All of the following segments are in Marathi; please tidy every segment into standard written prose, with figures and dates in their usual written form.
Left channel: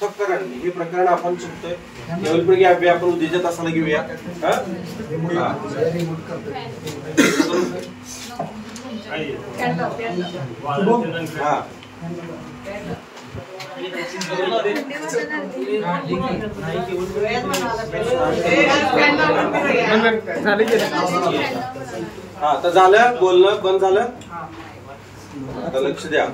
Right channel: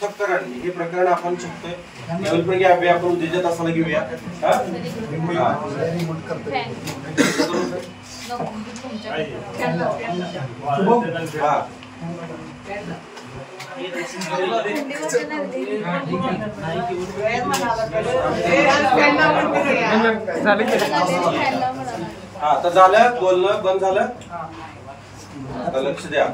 पृथक्करण हे प्रकरण आपण शिकतोय. त्यावेळी आपण उद्योजक असताना घेऊया. आता झालं बोलणं बंद झालं. आता लक्ष द्या.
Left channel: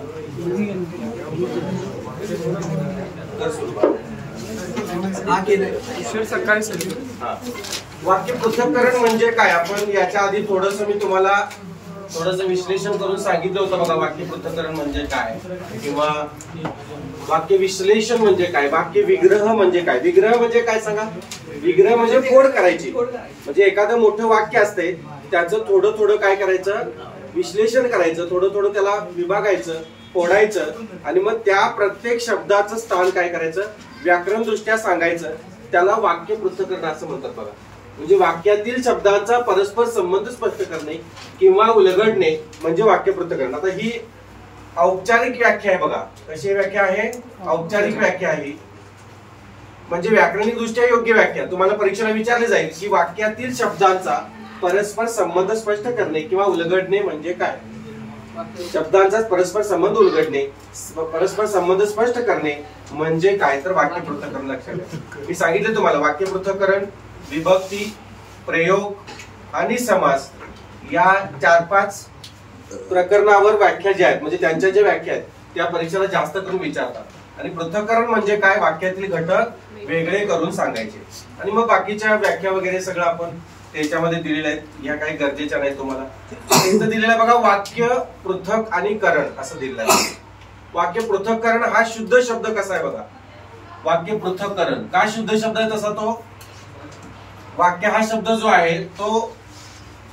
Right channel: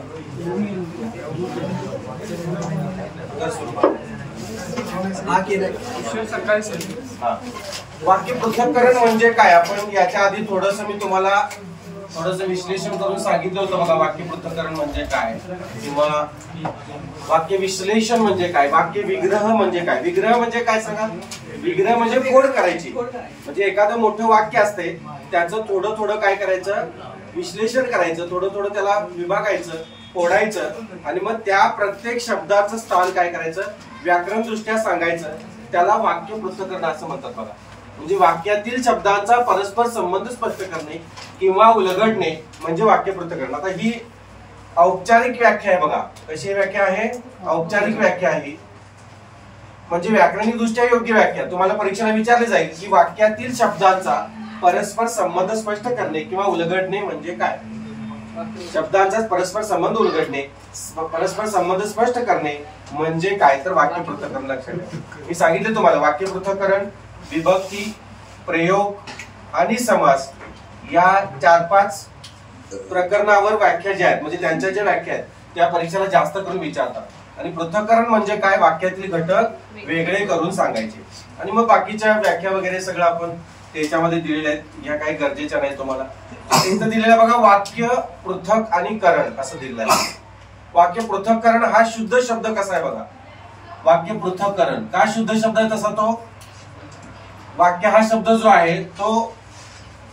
वाक्य पृथक्करण म्हणजे काय, आपण याच्या आधी थोडस मी तुम्हाला थोडस विश्लेषण करून सांगितलं होतं बघा. वाक्य पृथक्करण म्हणजे काय किंवा वाक्य विश्लेषण म्हणजे काय, वाक्य विग्रह म्हणजे काय. विग्रह म्हणजे काय सांगा. विग्रह म्हणजे फोड करायची. म्हणजे एखादं मोठं वाक्य असते त्याचं थोडं थोडं काय करायचं, विश्लेषण करायचं. थोडं थोडं त्याला विभागायचं, फोडायचं आणि मग त्या प्रत्येक शब्दाचं स्थान काय करायचं, व्याकरण दृष्ट्या सांगायचं. त्याला वाक्य पृथक्करण असं म्हणतात बघा. म्हणजे वाक्यातील शब्दांचा परस्पर संबंध स्पष्ट करणे किंवा उलगडणे म्हणजे वाक्य पृथक्करण. आता ही औपचारिक व्याख्या आहे बघा. कशी व्याख्या आहे, औपचारिक व्याख्या आहे. म्हणजे व्याकरणिक दृष्ट्या योग्य व्याख्या. तुम्हाला परीक्षेला विचारले जाईल की वाक्यातील शब्दांचा परस्पर संबंध स्पष्ट करणे किंवा उलगडणे म्हणजे काय. शब्दांचा परस्पर संबंध उलगडणे, परस्पर संबंध स्पष्ट करणे म्हणजे काय, तर वाक्य पृथक्करण. लक्षात घ्या. मी सांगितले तुम्हाला वाक्य पृथक्करण विभक्ती, प्रयोग आणि समास या 4-5 प्रकरणावर व्याख्या ज्या आहेत, म्हणजे त्यांच्या ज्या व्याख्या आहेत त्या परीक्षेला जास्त करून विचारतात. आणि पृथक्करण म्हणजे काय, वाक्यातील घटक वेगळे करून सांगायचे. आणि मग बाकीच्या व्याख्या वगैरे सगळं आपण त्याच्यामध्ये दिलेले आहेत. या काही गरजेच्या नाही तुम्हाला. इथं दिलेलं बघा वाक्य पृथक आणि करण असं दिलेलं आहे. वाक्य पृथक्करण हा शुद्ध शब्द कसा आहे बघा. वाक्य पृथक्करण का शुद्ध शब्द आहे तसा तो वाक्य हा शब्द जो आहे तो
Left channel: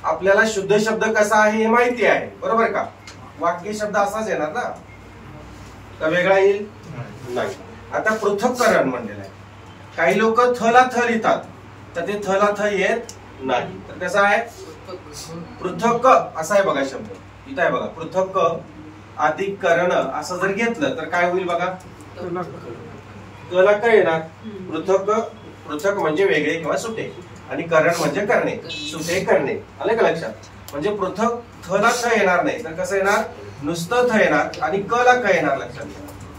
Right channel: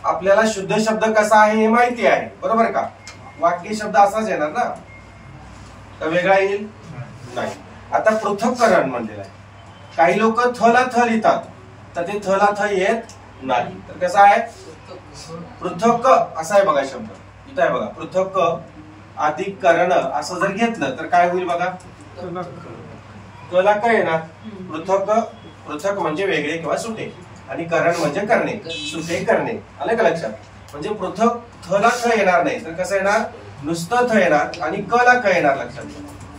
आपल्याला शुद्ध शब्द कसा आहे हे माहिती आहे, बरोबर का. वाक्य शब्द असाच येणार ना, का वेगळा येईल नाही. आता पृथक्करण म्हणलेलं आहे. काही लोक थ ला थ लिहितात तर ते थ ला थ येत नाही. तर कसं आहे, पृथक असा आहे बघा शब्द. इथं आहे बघा पृथक अधिक करण असं जर घेतलं तर काय होईल बघा, क ला काय येणार, पृथक. पृथक म्हणजे वेगळे किंवा सुटे आणि करण म्हणजे करणे, सुटे करणे. आलं का लक्षात. म्हणजे पृथक थ ला थ येणार नाही तर कसं येणार, नुसतं थ येणार आणि क ला क येणार. लक्षात.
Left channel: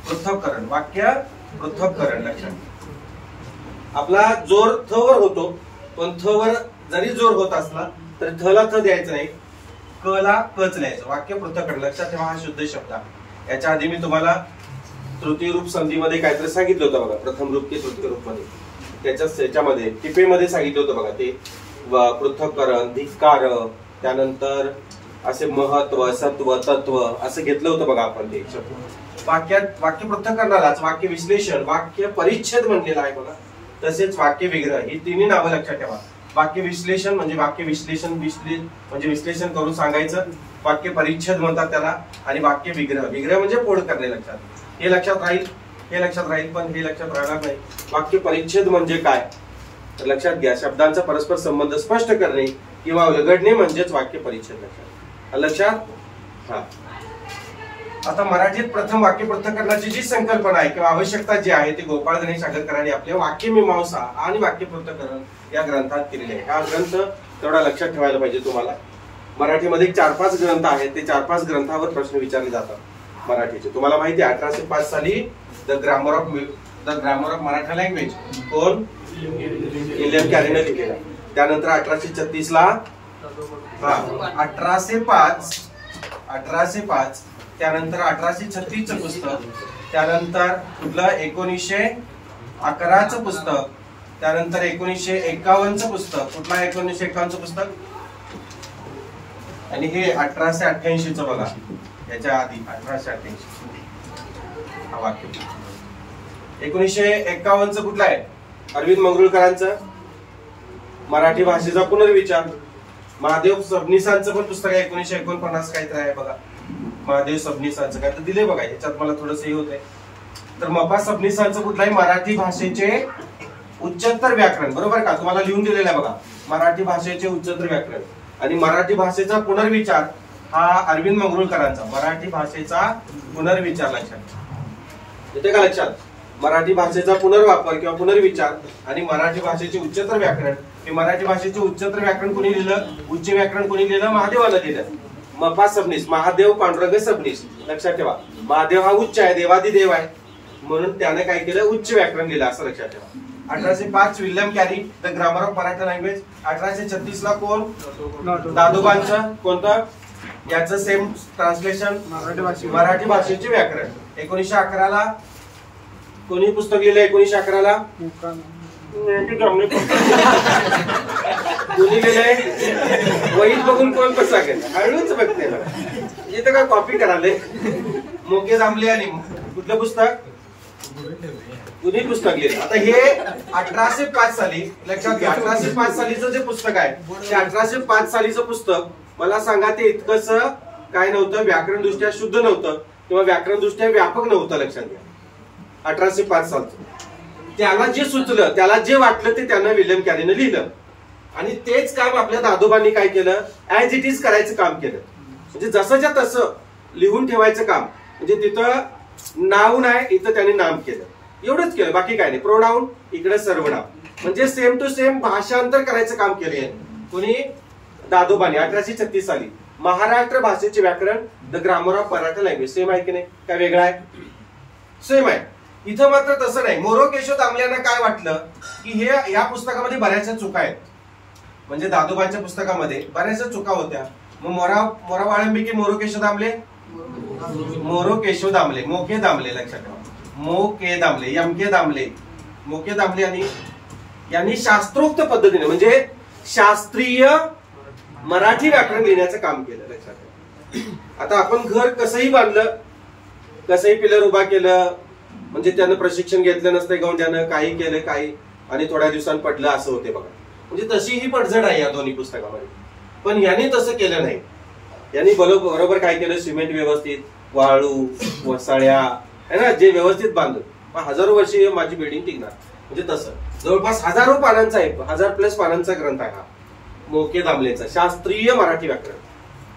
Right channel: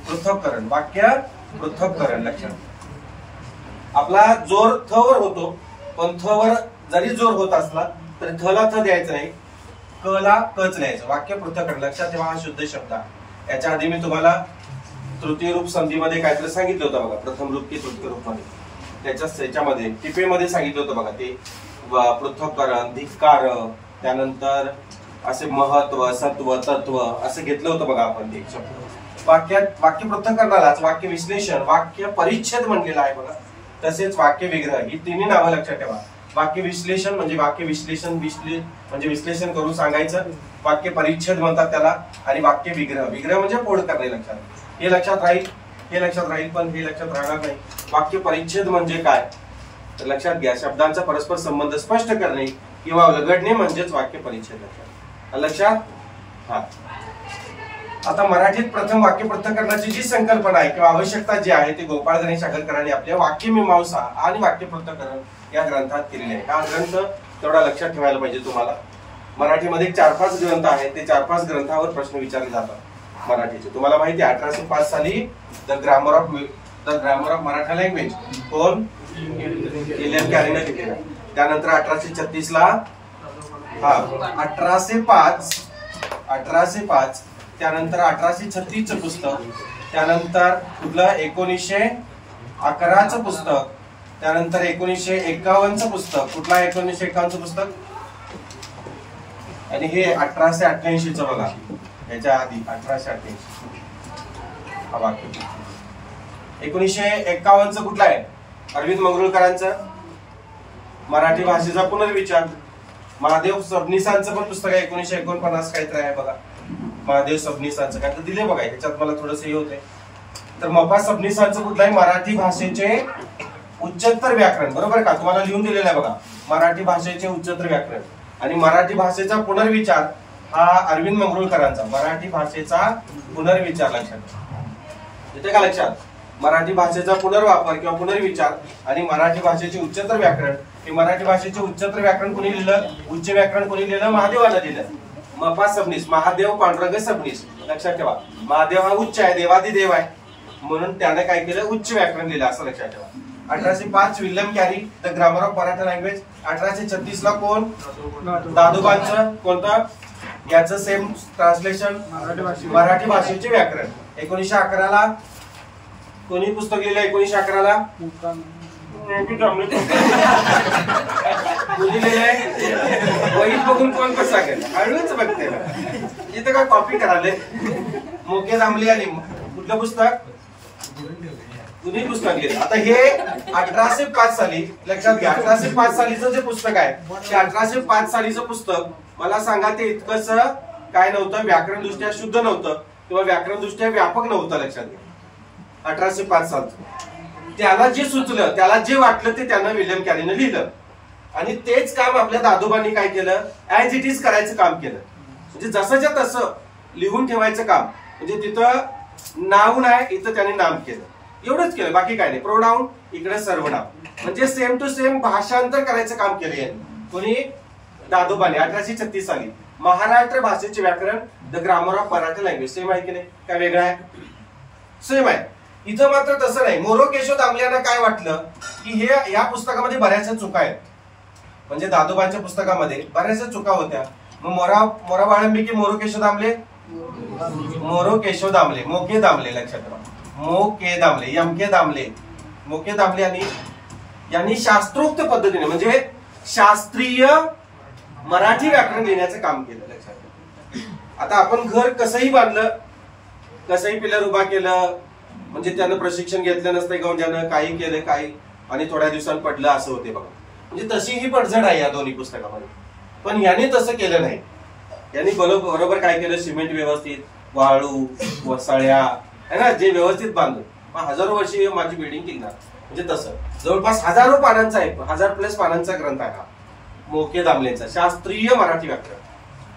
पृथक्करण वाक्य पृथक्करण. लक्षात. आपला जोर थ वर होतो पण थ वर जरी जोर होत असला तरी थ ला थ द्यायचं नाही, क ला कच द्यायचं. वाक्य पृथक्करण. लक्षात ठेवा हा शुद्ध शब्द आहे. याच्या आधी मी तुम्हाला तृतीय रूप संधीमध्ये काहीतरी सांगितलं होतं बघा. प्रथम रूप की तृतीय रूप मध्ये त्याच्यामध्ये टिपेमध्ये सांगितलं होतं बघा. ते पृथक्करण, धिक्कार, त्यानंतर असे महत्व, सत्व, तत्व असं घेतलं होतं बघा आपण ते शब्द. वाक्यात वाक्य पृथक्करणालाच वाक्य विश्लेषण, वाक्य परिच्छेद म्हणलेलं आहे बघा. तसेच वाक्य विग्रह ही तिन्ही नावं लक्षात ठेवा. वाक्य विश्लेषण म्हणजे वाक्य विश्लेषण म्हणजे विश्लेषण करून सांगायचं. वाक्य परिच्छेद म्हणतात त्याला. आणि वाक्य विग्रह, विग्रह म्हणजे फोड करणे. लक्षात. हे लक्षात राहील, हे लक्षात राहील पण हे लक्षात राहणार नाही. वाक्य परिच्छेद म्हणजे काय तर लक्षात घ्या, शब्दांचा परस्पर संबंध स्पष्ट करणे किंवा उलगडणे म्हणजेच वाक्य परिच्छेद. लक्षात. हा. आता मराठीत प्रथम वाक्य पृथक्करणाची जी संकल्पना आहे किंवा आवश्यकता जी आहे ती गोपाळ गणेश आगरकरांनी आपल्या वाक्यमीमांसा आणि वाक्य पृथक्करण या ग्रंथात केलेली आहे. हा ग्रंथ तेवढा लक्षात ठेवायला पाहिजे तुम्हाला. मराठीमध्ये 4-5 ग्रंथ आहेत. ते 4-5 ग्रंथावर प्रश्न विचारले जातात मराठीचे. तुम्हाला माहिती आहे 1805 साली the grammar of Maratha language कोण, इलियन कॅरीने लिहिलेला. त्यानंतर 1836 ला 1805 त्यानंतर 1836 चं पुस्तक, त्यानंतर कुठलं 1911 चं पुस्तक, त्यानंतर 1951 चं पुस्तक. कुठला 1951 चं पुस्तक आणि हे 1888 चं बघा. याच्या आधी 1888 हा वाक्य. 1951 चं कुठलं आहे, अरविंद मंगरुळकरांचं मराठी भाषेचा पुनर्विचार. महादेव सबनीसांचं पण पुस्तक आहे 1949 काहीतरी आहे बघा. महादेव सबनीसांचं काहीतरी दिले बघा. याच्यात मला थोडंसं हे होतंय. तर मपा सबनीसांचं कुठलं आहे, मराठी भाषेचे उच्चतर व्याकरण. बरोबर का, तुम्हाला लिहून दिलेलं आहे बघा. मराठी भाषेचे उच्चतर व्याकरण आणि मराठी भाषेचा पुनर्विचार हा अरविंद मंगरुळकरांचा. मराठी भाषेचा पुनर्विचार. लक्षात येते का लक्षात. मराठी भाषेचा पुनर्वापर किंवा पुनर्विचार आणि मराठी भाषेचे उच्चतर व्याकरण. हे मराठी भाषेचे उच्चतर व्याकरण कोणी लिहिलं, उच्च व्याकरण कोणी लिहिलं, महादेवाला लिहिलं. मपा सबनीस, महादेव पांडुरंग सबनीस. लक्षात ठेवा, महादेव हा उच्च आहे, देवादिदेव आहे, म्हणून त्याने काय केलं, उच्च व्याकरण लिहिलं, असं लक्षात ठेवा. 1805 William carry the grammar of Maratha language. 1836 ला कोण, दादोबांचं कोणतं, याचं सेम ट्रान्सलेशन मराठी भाषेचे व्याकरण. 1911 ला कोणी पुस्तक लिहिलं, 1911 ला कोणी लिहिलंय, वहीत बघून कोण कसा केला, हळूच बघते बघा, इथं काय कॉपी करायला. मोके दामले आणि कुठलं पुस्तक, कुणी पुस्तक लिहिलं. आता हे 1805 साली, लक्षात घ्या, 1805 सालीचं जे पुस्तक आहे ते 1805 सालीचं पुस्तक, मला सांगा ते इतकंच काय नव्हतं, व्याकरण दृष्ट्या शुद्ध नव्हतं किंवा व्याकरण दृष्ट्या व्यापक नव्हतं. लक्षात घ्या, 1805 सालचं. त्याला जे सुचलं, त्याला जे वाटलं ते त्यानं विल्यम कॅरीनं लिहिलं. आणि तेच काम आपल्या दादोबांनी काय केलं, ऍज इट इज करायचं काम केलं. म्हणजे जसंच्या तसं लिहून ठेवायचं काम. म्हणजे तिथं नाव नाही, इथं त्यांनी नाम केलं, एवढंच केलं, बाकी काय नाही. प्रोनाउन इकडे सर्वनाम, म्हणजे सेम टू सेम भाषांतर करायचं काम केलं. कोणी, दादोबांनी 1836 साली. महाराष्ट्र भाषेचे व्याकरण the grammar of Maratha language. Same आहे की नाही, काय वेगळं आहे, सेम आहे. इथं मात्र तसं नाही. मोरो केशव दामल्यांना काय वाटलं की हे या पुस्तकामध्ये बऱ्याचशा चुका आहेत, म्हणजे दादोबांच्या पुस्तकामध्ये बऱ्याचशा चुका होत्या. मग मोरा वाळंबी मोरो केशव दामले, मोरो केशव दामले, मोके दामले, लक्षात ठेवा, मोके दामले, एमके दामले, मोके दामले यांनी शास्त्रोक्त पद्धतीने म्हणजे शास्त्रीय मराठी व्याकरण लिहिण्याचं काम केलं. लक्षात ठेवा. आता आपण घर कसंही बांधलं, कसंही पिलर उभा केलं, म्हणजे त्यानं प्रशिक्षण घेतलं नसतं गौंड्यानं, काही केलं काही, आणि थोड्या दिवसांनी पडलं, असं होते बघा. म्हणजे तशी ही पडझड आहे या दोन्ही पुस्तकामध्ये. पण याने तसं केलं नाही. यांनी बरोबर काय केलं, सिमेंट व्यवस्थित, वाळू, वसाळ्या है ना, जे व्यवस्थित बांधलं. 1000 वर्षी माझी बिल्डिंग टिकणार. म्हणजे तसं जवळपास हजारो पानांचा आहे, 1000+ पानांचा ग्रंथ आहे हा मोके दामलेचा शास्त्रीय मराठी व्याकरण.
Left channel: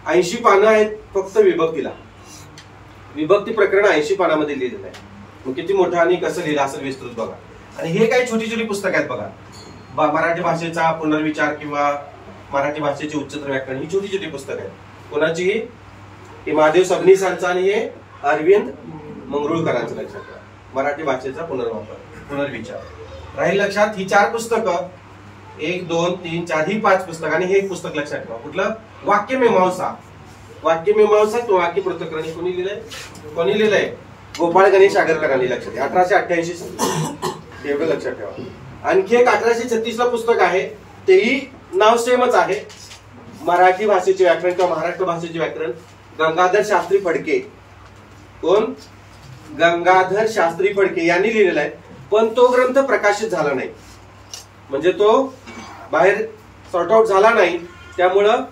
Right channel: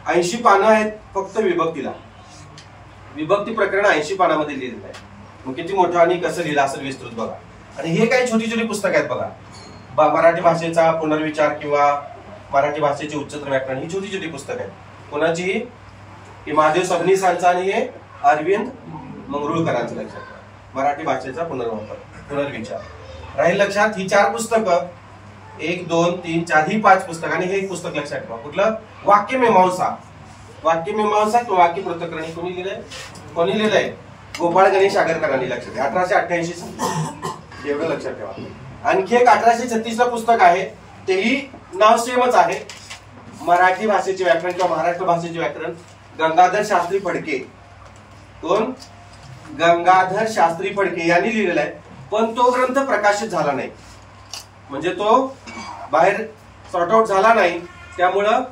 80 पानं आहेत फक्त विभक्तीला. विभक्ती प्रकरण 80 पानामध्ये लिहिलेलं आहे. मग किती मोठं आणि कसं लिहिलं असेल विस्तृत बघा. आणि हे काही छोटी छोटी पुस्तक आहेत बघा. मराठी भाषेचा पुनर्विचार किंवा मराठी भाषेचे उच्चतर व्याकरण, ही छोटी छोटी पुस्तक आहेत. कोणाची, हे महादेव सबनीसांचा आणि हे अरविंद मंगरुळकरांचं. लक्षात ठेवा, मराठी भाषेचा पुनर्विचार राहील लक्षात. ही 4 पुस्तकं, 1 2 3 4, ही 5 पुस्तक. आणि हे एक पुस्तक लक्षात ठेवा, कुठलं, वाक्यमीमांसा. वाक्यमीमांसा किंवा वाक्य पृथक्करण कोणी लिहिलंय, कोणी लिहिलंय, गोपाळ गणेश आगरकरांनी. लक्षात घ्या, 1888 साली, एवढं लक्षात ठेवा. आणखी एक 1836 ला पुस्तक आहे, तेही नाव सेमच आहे, मराठी भाषेचे व्याकरण किंवा महाराष्ट्र भाषेचे व्याकरण, गंगाधर शास्त्री फडके. कोण, गंगाधर शास्त्री फडके यांनी लिहिलेला आहे. पण तो ग्रंथ प्रकाशित झाला नाही, म्हणजे तो बाहेर सॉर्ट आउट झाला नाही, त्यामुळं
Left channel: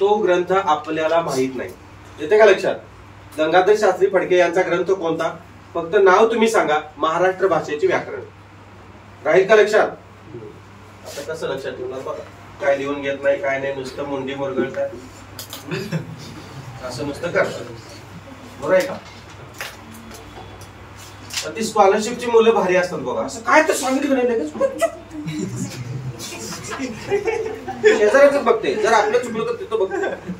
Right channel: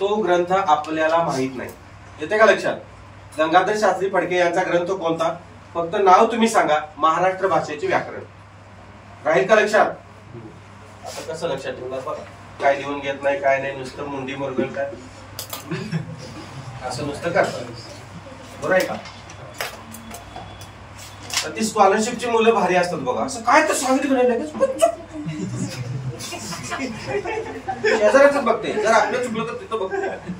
तो ग्रंथ आपल्याला माहित नाही. येते का लक्षात. गंगाधर शास्त्री फडके यांचा ग्रंथ कोणता, फक्त नाव तुम्ही सांगा, महाराष्ट्र भाषेचे व्याकरण. राहील का लक्षात. आता कसं लक्षात ठेवणार बघा, काय लिहून घेत नाही, काय नाही, नुसतं मुंडी मुरगळतात, असं नुसतं करतात, बरोबर आहे का. ती स्कॉलरशिपची मुलं भारी असतात बघा, असं काय तर सांगितलं नाही, शेजारच बघते, जर आपलं चुकलं तर तिथं बघते.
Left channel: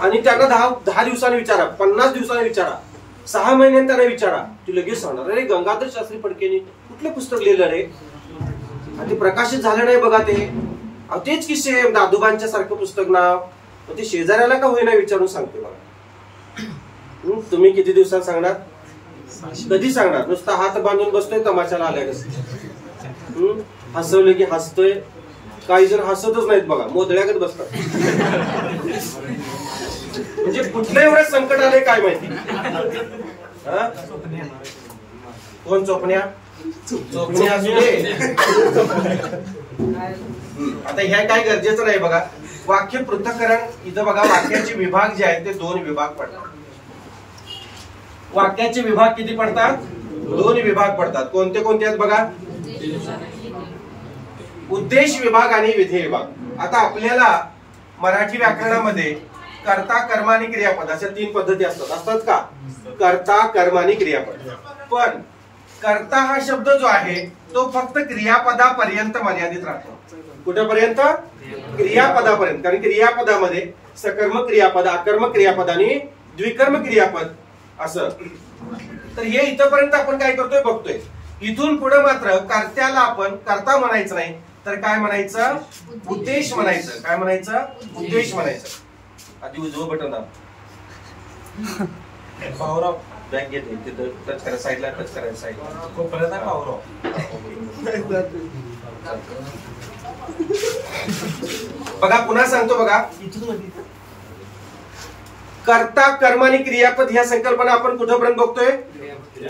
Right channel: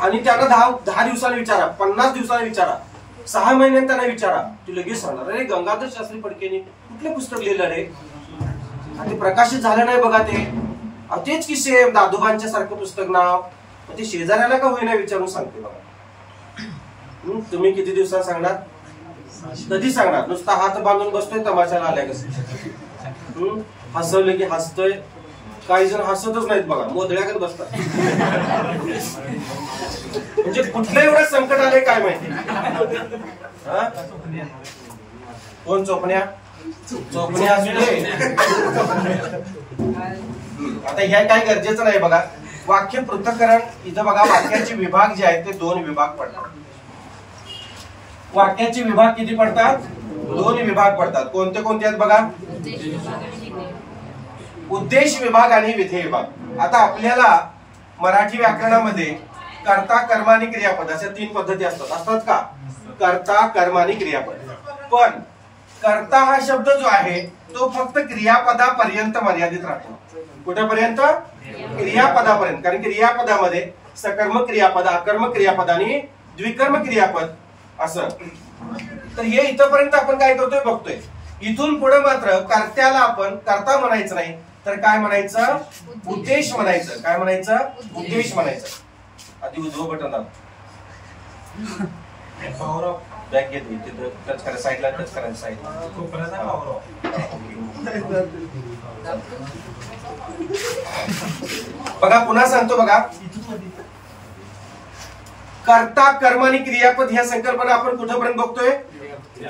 आणि त्यांना 10 दिवसांनी विचारा, 50 दिवसांनी विचारा, 6 महिन्यांनी त्यांना विचारा, तू लगेच सांगणार, अरे गंगाधर शास्त्री फडकेने कुठलं पुस्तक लिहिलं रे, आणि ते प्रकाशित झालं नाही बघा. ते तेच की सेम दादोबांच्या सारखं पुस्तक नाव, ते शेजाऱ्याला का होईना विचारून सांगते बघा. तुम्ही किती दिवसात सांगणार, कधी सांगणार. नुसता हात बांधून बसतोय तमाशाला आल्या कसं, हसवलं की हसतोय, काही जण हसतच नाहीत बघा, मोदळ्यागत बसतात. म्हणजे कुठलं एवढं संकट आलंय काय माहिती. कोण चोपण्या, चोपण्या असू दे. आता ह्या काय गरजेचं नाही बघा. वाक्य पृथक्करण, इथं बघा वाक्याचे विभाग जे आहेत ते 2 विभाग पडतात. वाक्याचे विभाग किती पडतात, 2 विभाग पडतात. कोणते कोणते आहेत बघा, उद्देश विभाग आणि विधेय विभाग. आता आपल्याला मराठी व्याकरणामध्ये कर्ता, कर्म आणि क्रियापद अशा 3 पद्धती असतात का, कर्ता, कर्म आणि क्रियापद. पण कर्ता हा शब्द जो आहे तो फक्त क्रियापदापर्यंत मर्यादित राहतो. कुठेपर्यंत? क्रियापदापर्यंत. कारण क्रियापदामध्ये सकर्मक क्रियापद, अकर्मक क्रियापद आणि द्विकर्म क्रियापद असं. तर हे इथपर्यंत आपण काय करतोय बघतोय. इथून पुढे मात्र कर्त्याला आपण कर्ता म्हणायचं नाही, तर काय म्हणायचं? उद्देश म्हणायचं. काय म्हणायचं? उद्देश म्हणायचं. आधी उजवं बटन दाब. बॅक घेते तिथं टच करा, साईडला टच करायचं, साईडला. बघा पुन्हा सांगतो बघा. कर्ता, कर्म आणि क्रियापद ह्या संकल्पना आपण कुठपर्यंत बघतोय?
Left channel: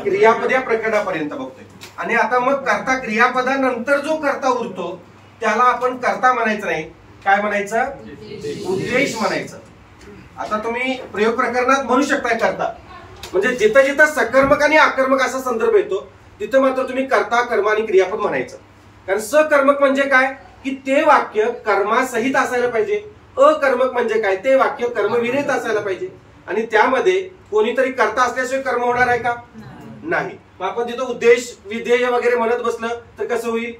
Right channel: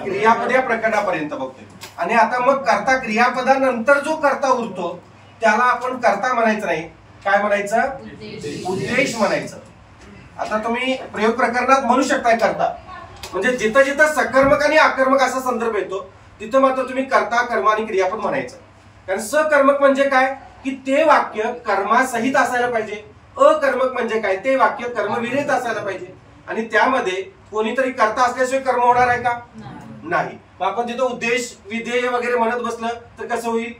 क्रियापद या प्रकरणापर्यंत बघतोय. आणि आता मग कर्ता क्रियापदानंतर जो कर्ता उरतो त्याला आपण कर्ता म्हणायचं नाही, काय म्हणायचं? उद्देश म्हणायचं. आता तुम्ही प्रयोग प्रकरणात म्हणू शकताय कर्ता, म्हणजे जिथं जिथं सकर्मक आणि अकर्मक असा संदर्भ येतो तिथं मात्र तुम्ही कर्ता, कर्म आणि क्रियापद म्हणायचं. कारण सकर्मक म्हणजे काय की ते वाक्य कर्मासहित असायला पाहिजे. अकर्मक म्हणजे काय? ते वाक्य कर्मविरहित असायला पाहिजे. आणि त्यामध्ये कोणीतरी कर्ता असल्याशिवाय कर्म होणार आहे का? नाही. आपण तिथं उद्देश, विधेय वगैरे म्हणत बसलं तर कसं होईल?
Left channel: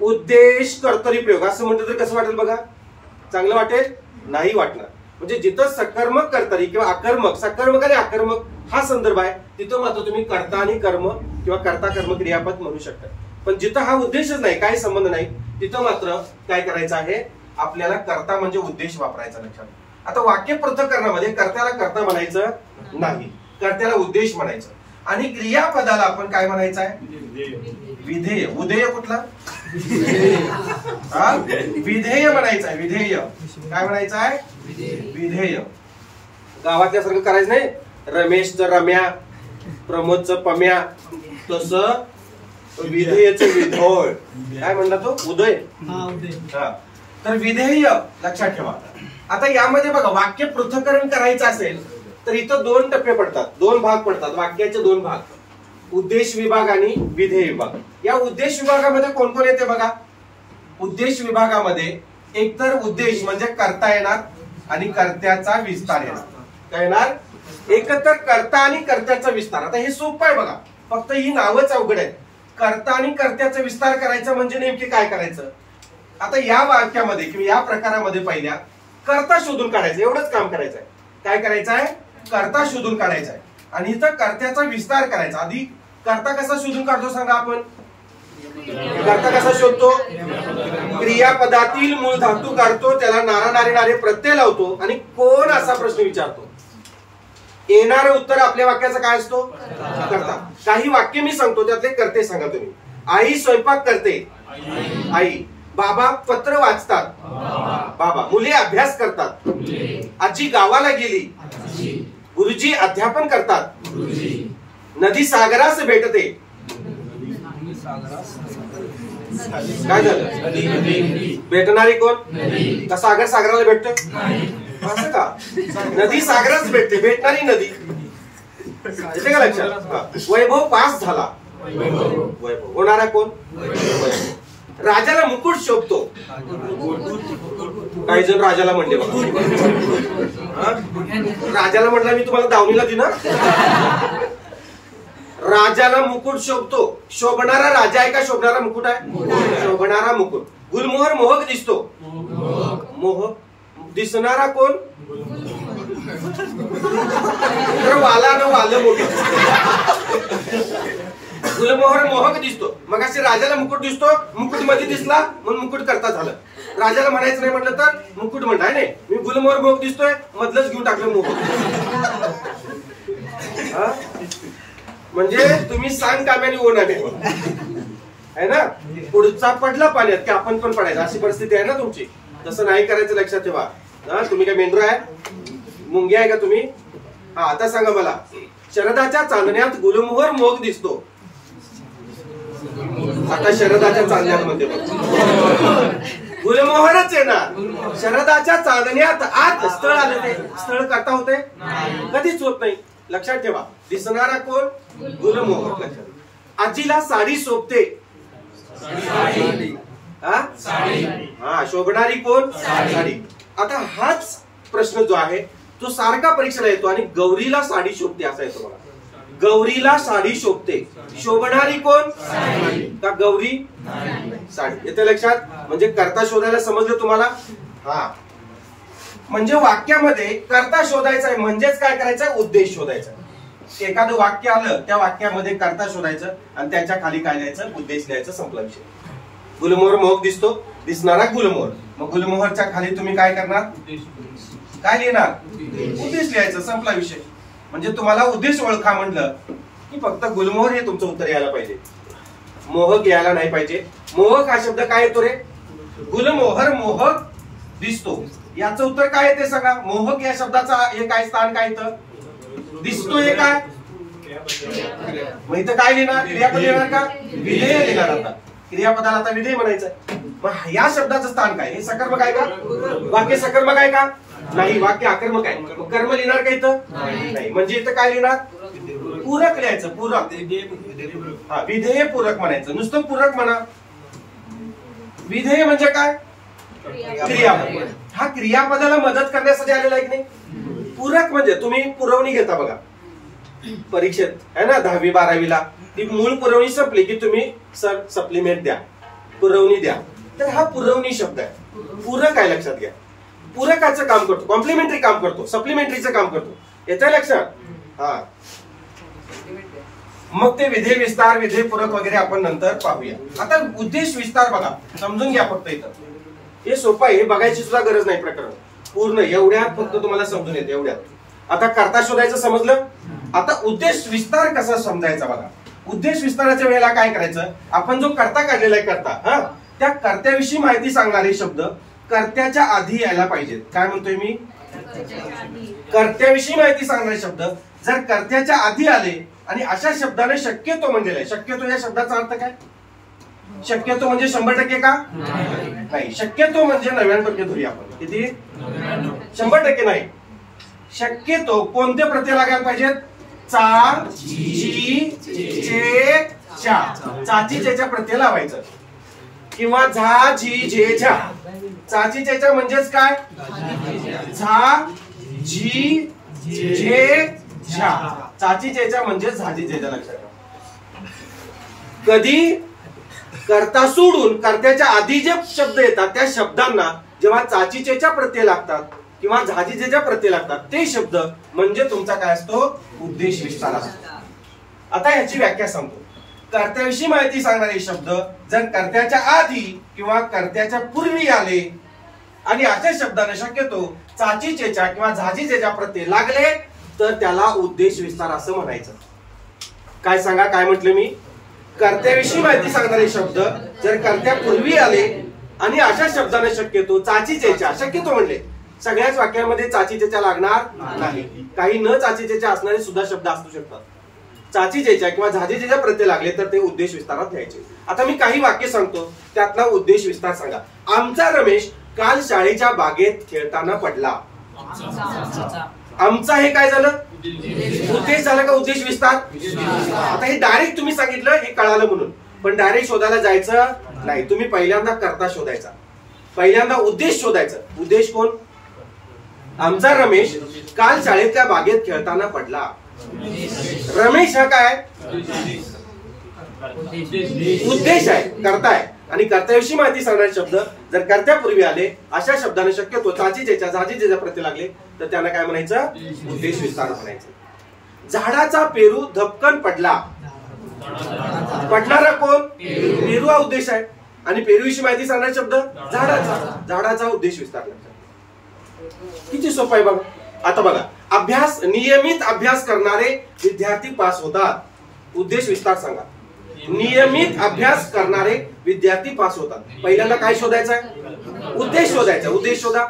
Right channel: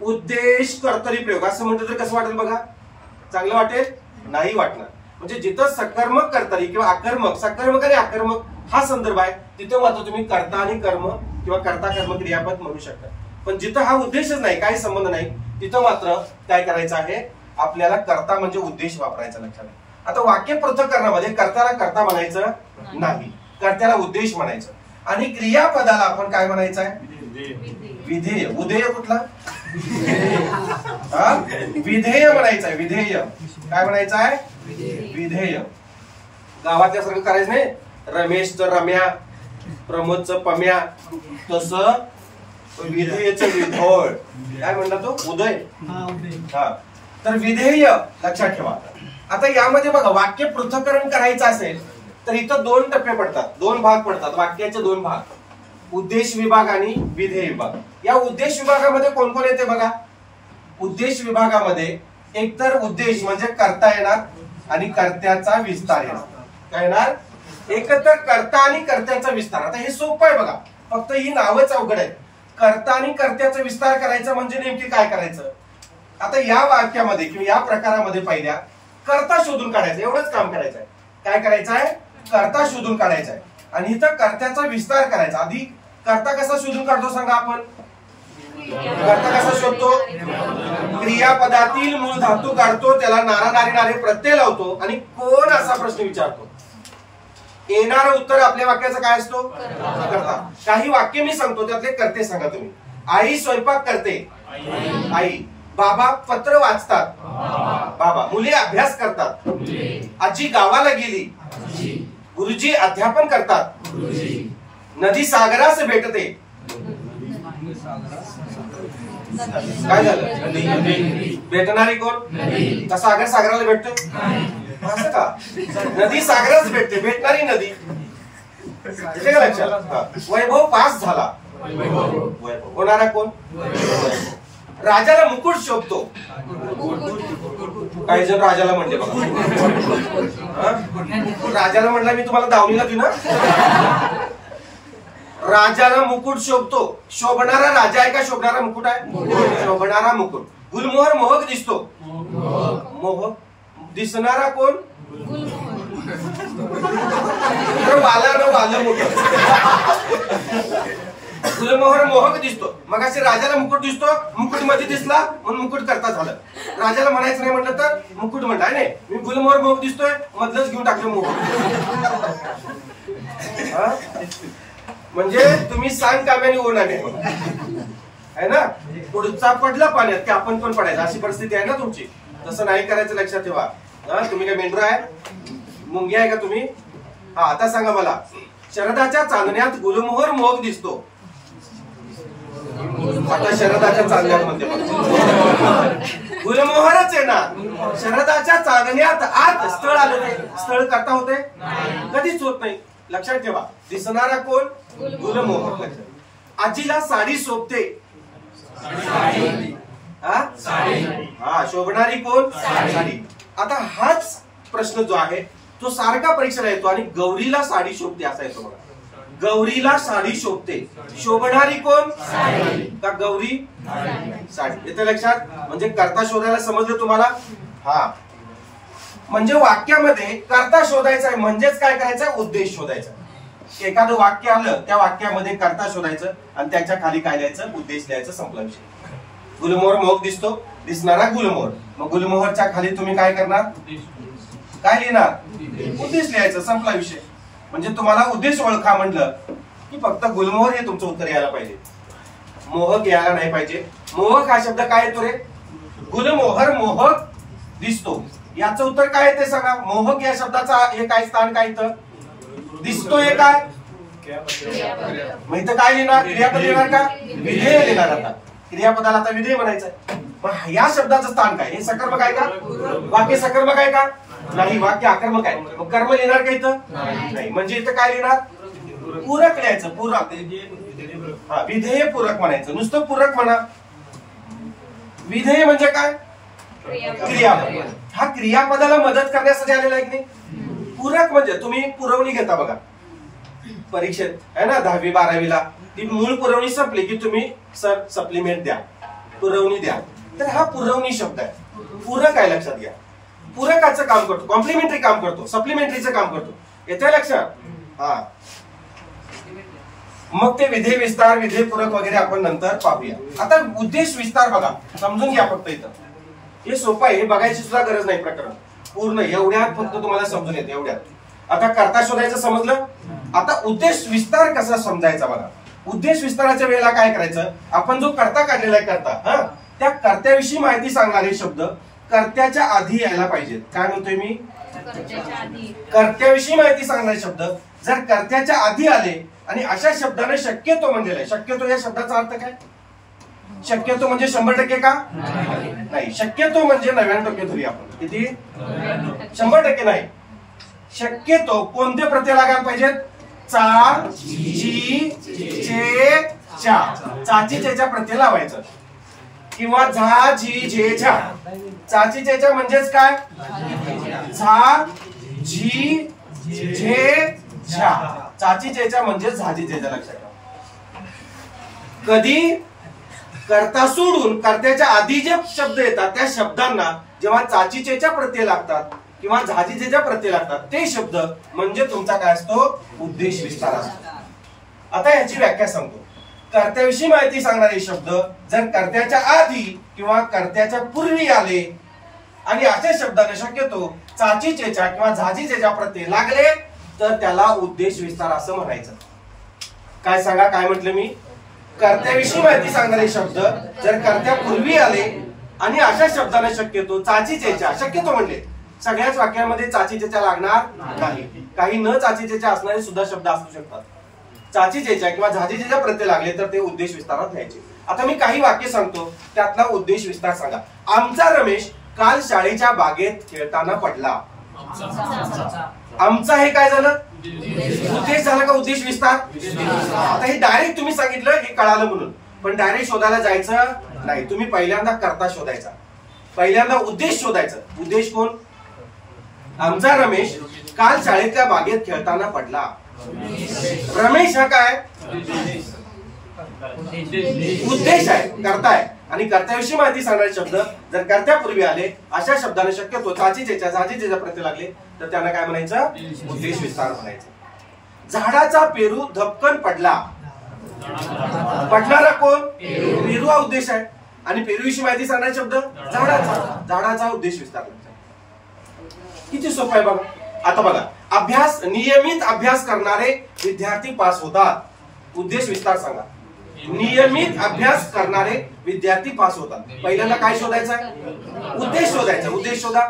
उद्देश कर्तरी प्रयोग असं म्हणलं तर कसं वाटेल बघा? चांगलं वाटेल? नाही वाटणार. म्हणजे जिथं सकर्मक कर्तरी किंवा अकर्मक, सकर्मक आणि अकर्मक हा संदर्भ आहे तिथं मात्र तुम्ही कर्ता आणि कर्म किंवा कर्ता कर्म क्रियापद म्हणू शकता. पण जिथं हा उद्देशच नाही, काही संबंध नाही, तिथं मात्र काय करायचं आहे? आपल्याला कर्ता म्हणजे उद्देश वापरायचा. लक्षात. आता वाक्य पृथक्करणामध्ये कर्त्याला कर्ता म्हणायचं नाही, कर्त्याला उद्देश म्हणायचं. आणि क्रियापदाला आपण काय म्हणायचं आहे? विधेय. उदेय कुठला? विधेय म्हणायचं आहे. विधेय. काय म्हणायचं आहे? विधेय. गावातल्यासारखं करायचं नाही. रमेशचं रम्या, प्रमोदचं पम्या, तसं विधेयचं विधोळ. काय म्हणतात तो? उदय. हा. तर विधेय लक्षात ठेवा. आता यामध्ये बघा वाक्य पृथक्करण करायचं असेल तर इथं दोन टप्पे पडतात, दोन भाग पडतात. वाक्याचे दोन भाग, उद्देश विभाग आणि विधेय विभाग. या उद्देश विभागामध्ये कोण कोण येते बघा? उद्देश विभागामध्ये एकतर उद्देश म्हणजे कर्ता येणार आणि कर्त्याचा विस्तार येणार. काय येणार? एकतर कर्ता आणि कर्त्याचा विस्तार. आता हे सोपं आहे बघा, फक्त ही नावच अवघड आहेत. कर्ता आणि कर्त्याचा विस्तार करायचं म्हणजे नेमके काय करायचं? आता या वाक्यामध्ये किंवा या प्रकारामध्ये पहिल्या कर्ता शोधून काढायचं, एवढंच काम करायचं आहे. काय करायचं आहे? कर्ता शोधून काढायचा आहे. आणि इथं कर्त्याचा विस्तार करायचा. आधी कर्ता कसा शोधून काढतो सांगा आपण? कर्ता कसा शोधतो? क्रियापदातील मूळ धातू काढतो, त्याला नारा नारी नारे प्रत्यय लावतो आणि कोण असा प्रश्न विचारतो. येणारं उत्तर आपल्या वाक्याचं काय असतो? कर्ता. काही वाक्य मी सांगतो त्यातले कर्ते सांगा तुम्ही. आई स्वयंपाक करते, आई. बाबा पत्र वाचतात, बाबा. मुले अभ्यास करतात, आजी गावाला गेली, गुरुजी अध्यापन करतात, नदी सागरास भेटते. काय झालं? भेटणारी कोण? का सागर सागराला भेटते? असं का? नदी सागरास भेटते, भेटणारी नदी. येते का लक्षात? वैभव पास झाला, वैभव. होणारा कोण? राजाला मुकुट शोभतो. काही जण राजाला म्हणले बघा. राजाला म्हणला मी तुम्हाला दावणीला ती ना. राजाला मुकुट शोभतो. शोभणारा राजा आहे का शोभणारा मुकुट आहे? शोभणारा मुकुट. गुलमोहर मोहक दिसतो. मोहक. दिसणारा कोण? वाला न वाल मोठं. गुलमोहर मोहक दिसतो. मग असे राजाला मुकुट दिसतो, मुकुट मध्ये दिसला म्हणून मुकुट करता झालं. राजाला म्हणायचं नाही म्हटलं तर मुकुट म्हणताय नाही. मी गुलमोहर मोहक दिसतोय, मधलंच घेऊन टाकलं मोहक. म्हणजे तुम्ही सांग काम्याने ओनाने आहे ना. पुढचा पडला पाण्यात की आपण पण पडायचं, अशी परिस्थिती आहे ना तुमची. तसं नाही करायचं, लक्षात ठेवा. तुम्ही काय मेंढरा आहे? मुंगी आहे का तुम्ही? हा. आता सांगा मला, शरदाच्या चांदण्यात गुलमोहर मोहक दिसतो. आता शरदाच्या चांदण्यात मध्ये गुलमोहरच आहे ना. शरदाच्या चांदण्यात आत स्थळ आलं, ते स्थळ करता होते? कधीच होत नाही. लक्षात ठेवा. दिसणारा कोण? गुलमोहर. लक्षात. आजीला साडी शोभते. हा. शोभणारी कोण? साडी. आता हाच प्रश्न जो आहे तो सारखा परीक्षेला येतो आणि गौरीला साडी शोभते असा येतो बघा. गौरीला साडी शोभते. शोभणारी कोण? का गौरी? साडी. येते लक्षात? म्हणजे कर्ता शोधायला समजलं तुम्हाला? हा, म्हणजे वाक्यामध्ये कर्ता शोधायचा आहे म्हणजेच काय करायचं? उद्देश शोधायचा. एखादं वाक्य आलं, त्या वाक्यामध्ये कर्ता शोधायचं आणि त्याच्या खाली काय लिहायचं? उद्देश लिहायचं. संपला विषय. गुलमोहर मोहक दिसतो, दिसणारा गुलमोहर. मग गुलमोहरच्या खाली तुम्ही काय करणार? काय लिहिणार? उद्देश लिहायचं. संपला विषय. म्हणजे तुम्हाला उद्देश ओळखा म्हटलं की फक्त गुलमोहर हे तुमचं उत्तर यायला पाहिजे, मोहक यायला नाही पाहिजे. मोहक हा शब्द काय येतो रे? गुलमोहर मोहक दिसतो. याचं उत्तर काय येते सांगा? मोहक या शब्दाचा हे काय स्थान काय येतं? दिसतो हे काय? मग इथं काय लिहिणार? क्रियापद लिहिणार का? विधेय लिहिणार. आता क्रियापदाला आता विधेय म्हणायचं. मग या शब्दाचं स्थान काय? हे सकर्मक आहे का? वाक्य सकर्मक आहे का? नाही, वाक्य आकर्मक आहे. मग कर्म लिहिणार का इथं? नाही. म्हणजे इथं काय लिहिणार? पूरक लिहायचं. पूरक. हा, विधेय पूरक म्हणायचं. नुसतं पूरक म्हणा. विधेय म्हणजे काय? क्रियापद. हा क्रियापदाला मदत करण्यासाठी आलेला आहे की नाही? पूरक म्हणजे तुम्ही पुरवणी घेता बघा परीक्षेत, आहे ना, 10वी 12वीला. ती मूळ पुरवणी संपली की तुम्ही सर सप्लिमेंट द्या, पुरवणी द्या. तर हा पुरवणी शब्द आहे. पूरक आहे, लक्षात घ्या. पूरकाचं काम करतो, कॉम्प्लिमेंटरी काम करतो, सप्लिमेंटरीचं काम करतो. येतंय लक्षात? हा. मग ते विधेय विस्तार, विधेय पूरक वगैरे आपण नंतर पाहूया. आता उद्देश विस्तार बघा, समजून घ्या फक्त. इथं हे सोपं आहे, हे बघायची सुद्धा गरज नाही. प्रकरण पूर्ण एवढ्यात फक्त तुम्हाला समजून येते, एवढ्यात. आता कर्ता शोधायचं समजलं. आता उद्देश विस्तार कसा समजायचा बघा. उद्देश विस्ताराच्या वेळेला काय करायचं? आपण जो कर्ता काढलेला आहे कर्ता, हा, त्या कर्त्याविषयी माहिती सांगणारे शब्द कर्त्याच्या आधी यायला पाहिजेत. काय म्हणतोय मी? कर्त्याविषयी माहिती सांगणारे शब्द जर कर्त्याच्या आधी आले आणि अशा शब्दाने शक्यतो म्हणलेला आहे. शक्यतो या शब्दाचा अर्थ काय? शक्यतो म्हणजे 100% का? नाही. शक्यतो म्हणजे 99% धरूया आपण. किती? 100% नाही. शक्यतो कोणते प्रत्यय लागायला पाहिजेत? चा, जी, चे, च्या. चाची चेच्या प्रत्यय लावायचं. किंवा झा, झी, झे, झा. चाची चेच्या म्हणजेच काय? झा, झी, झे, झा. चाची चेच्या म्हणजे झाजी चेच्या. लक्षात घ्या. कधी कर्ता सोडून कर्त्याच्या आधी जे शब्द येतात त्या शब्दांना जेव्हा चाचीचेच्या प्रत्यय लागतात किंवा झाजीचेच्या प्रत्यय लागतात ते शब्द म्हणजे तुमचा काय असतो? उद्देश विस्तार असतो. आता याची व्याख्या सांगतो. कर्त्याविषयी माहिती सांगणारे शब्द जर कर्त्याच्या आधी किंवा कर्त्याच्या पूर्वी आले आणि अशा शब्दाने शक्यतो चाचीचेच्या किंवा झाजीचेच्या प्रत्यय लागले तर त्याला उद्देश विस्तार असं म्हणायचं. काय सांगा, काय म्हटलं मी? कर्त्याविषयी माहिती सांगणारे शब्द जर कर्त्यापूर्वी आले आणि अशा शब्दाने शक्यतो चाचीचेच्या, शक्यतो म्हणले सगळ्याच वाक्यांमध्ये चाचीचेच्या लागणार नाही. काही न चाचीचेच्या असणारे सुद्धा शब्द असू शकतात. चाचीचेच्या किंवा झाजीचेच्या प्रत्यय लागले तर ते उद्देश विस्तारात लिहायचे. आता मी काही वाक्य सांगतो, त्यातला उद्देश विस्तार सांगा. आमचा रमेश काल शाळेच्या बागेत खेळताना पडला. आमचा हे काय झालं? उद्देश झाला का उद्देश विस्तार? आता हे डायरेक्ट तुम्ही सांगितलं हे कळालं म्हणून, पण डायरेक्ट शोधायला जायचं नाही. तुम्ही पहिल्यांदा कर्ता शोधायचा, पहिल्यांदा उद्देश शोधायचा. उद्देश कोण? आमचा रमेश काल शाळेतल्या बागेत खेळताना पडला. रमेश हा काय? उद्देश आहे, कर्ता आहे. आणि कर्त्याविषयी माहिती सांगणारे शब्द जर कर्त्यापूर्वी आले अशा शब्दाने शक्यतो चाचीचेच्या झाजीचेच्या प्रत्यय लागले तर त्यांना काय म्हणायचं? उद्देश विस्तार म्हणायचं. झाडाचा पेरू धपकन पडला. पडणारा कोण? पेरू हा उद्देश आहे. आणि पेरूविषयी माहिती सांगणारे शब्द झाडाचा, झाडाचा उद्देश विस्तार. किती सोपं आहे बघा. आता बघा, अभ्यास, नियमित अभ्यास करणारे विद्यार्थी पास होतात. उद्देश विस्तार सांगा. नियमित अभ्यास करणारे विद्यार्थी पास होतात. पहिल्यांदा काय शोधायचं? उद्देश शोधायचा. उद्देश शोधा.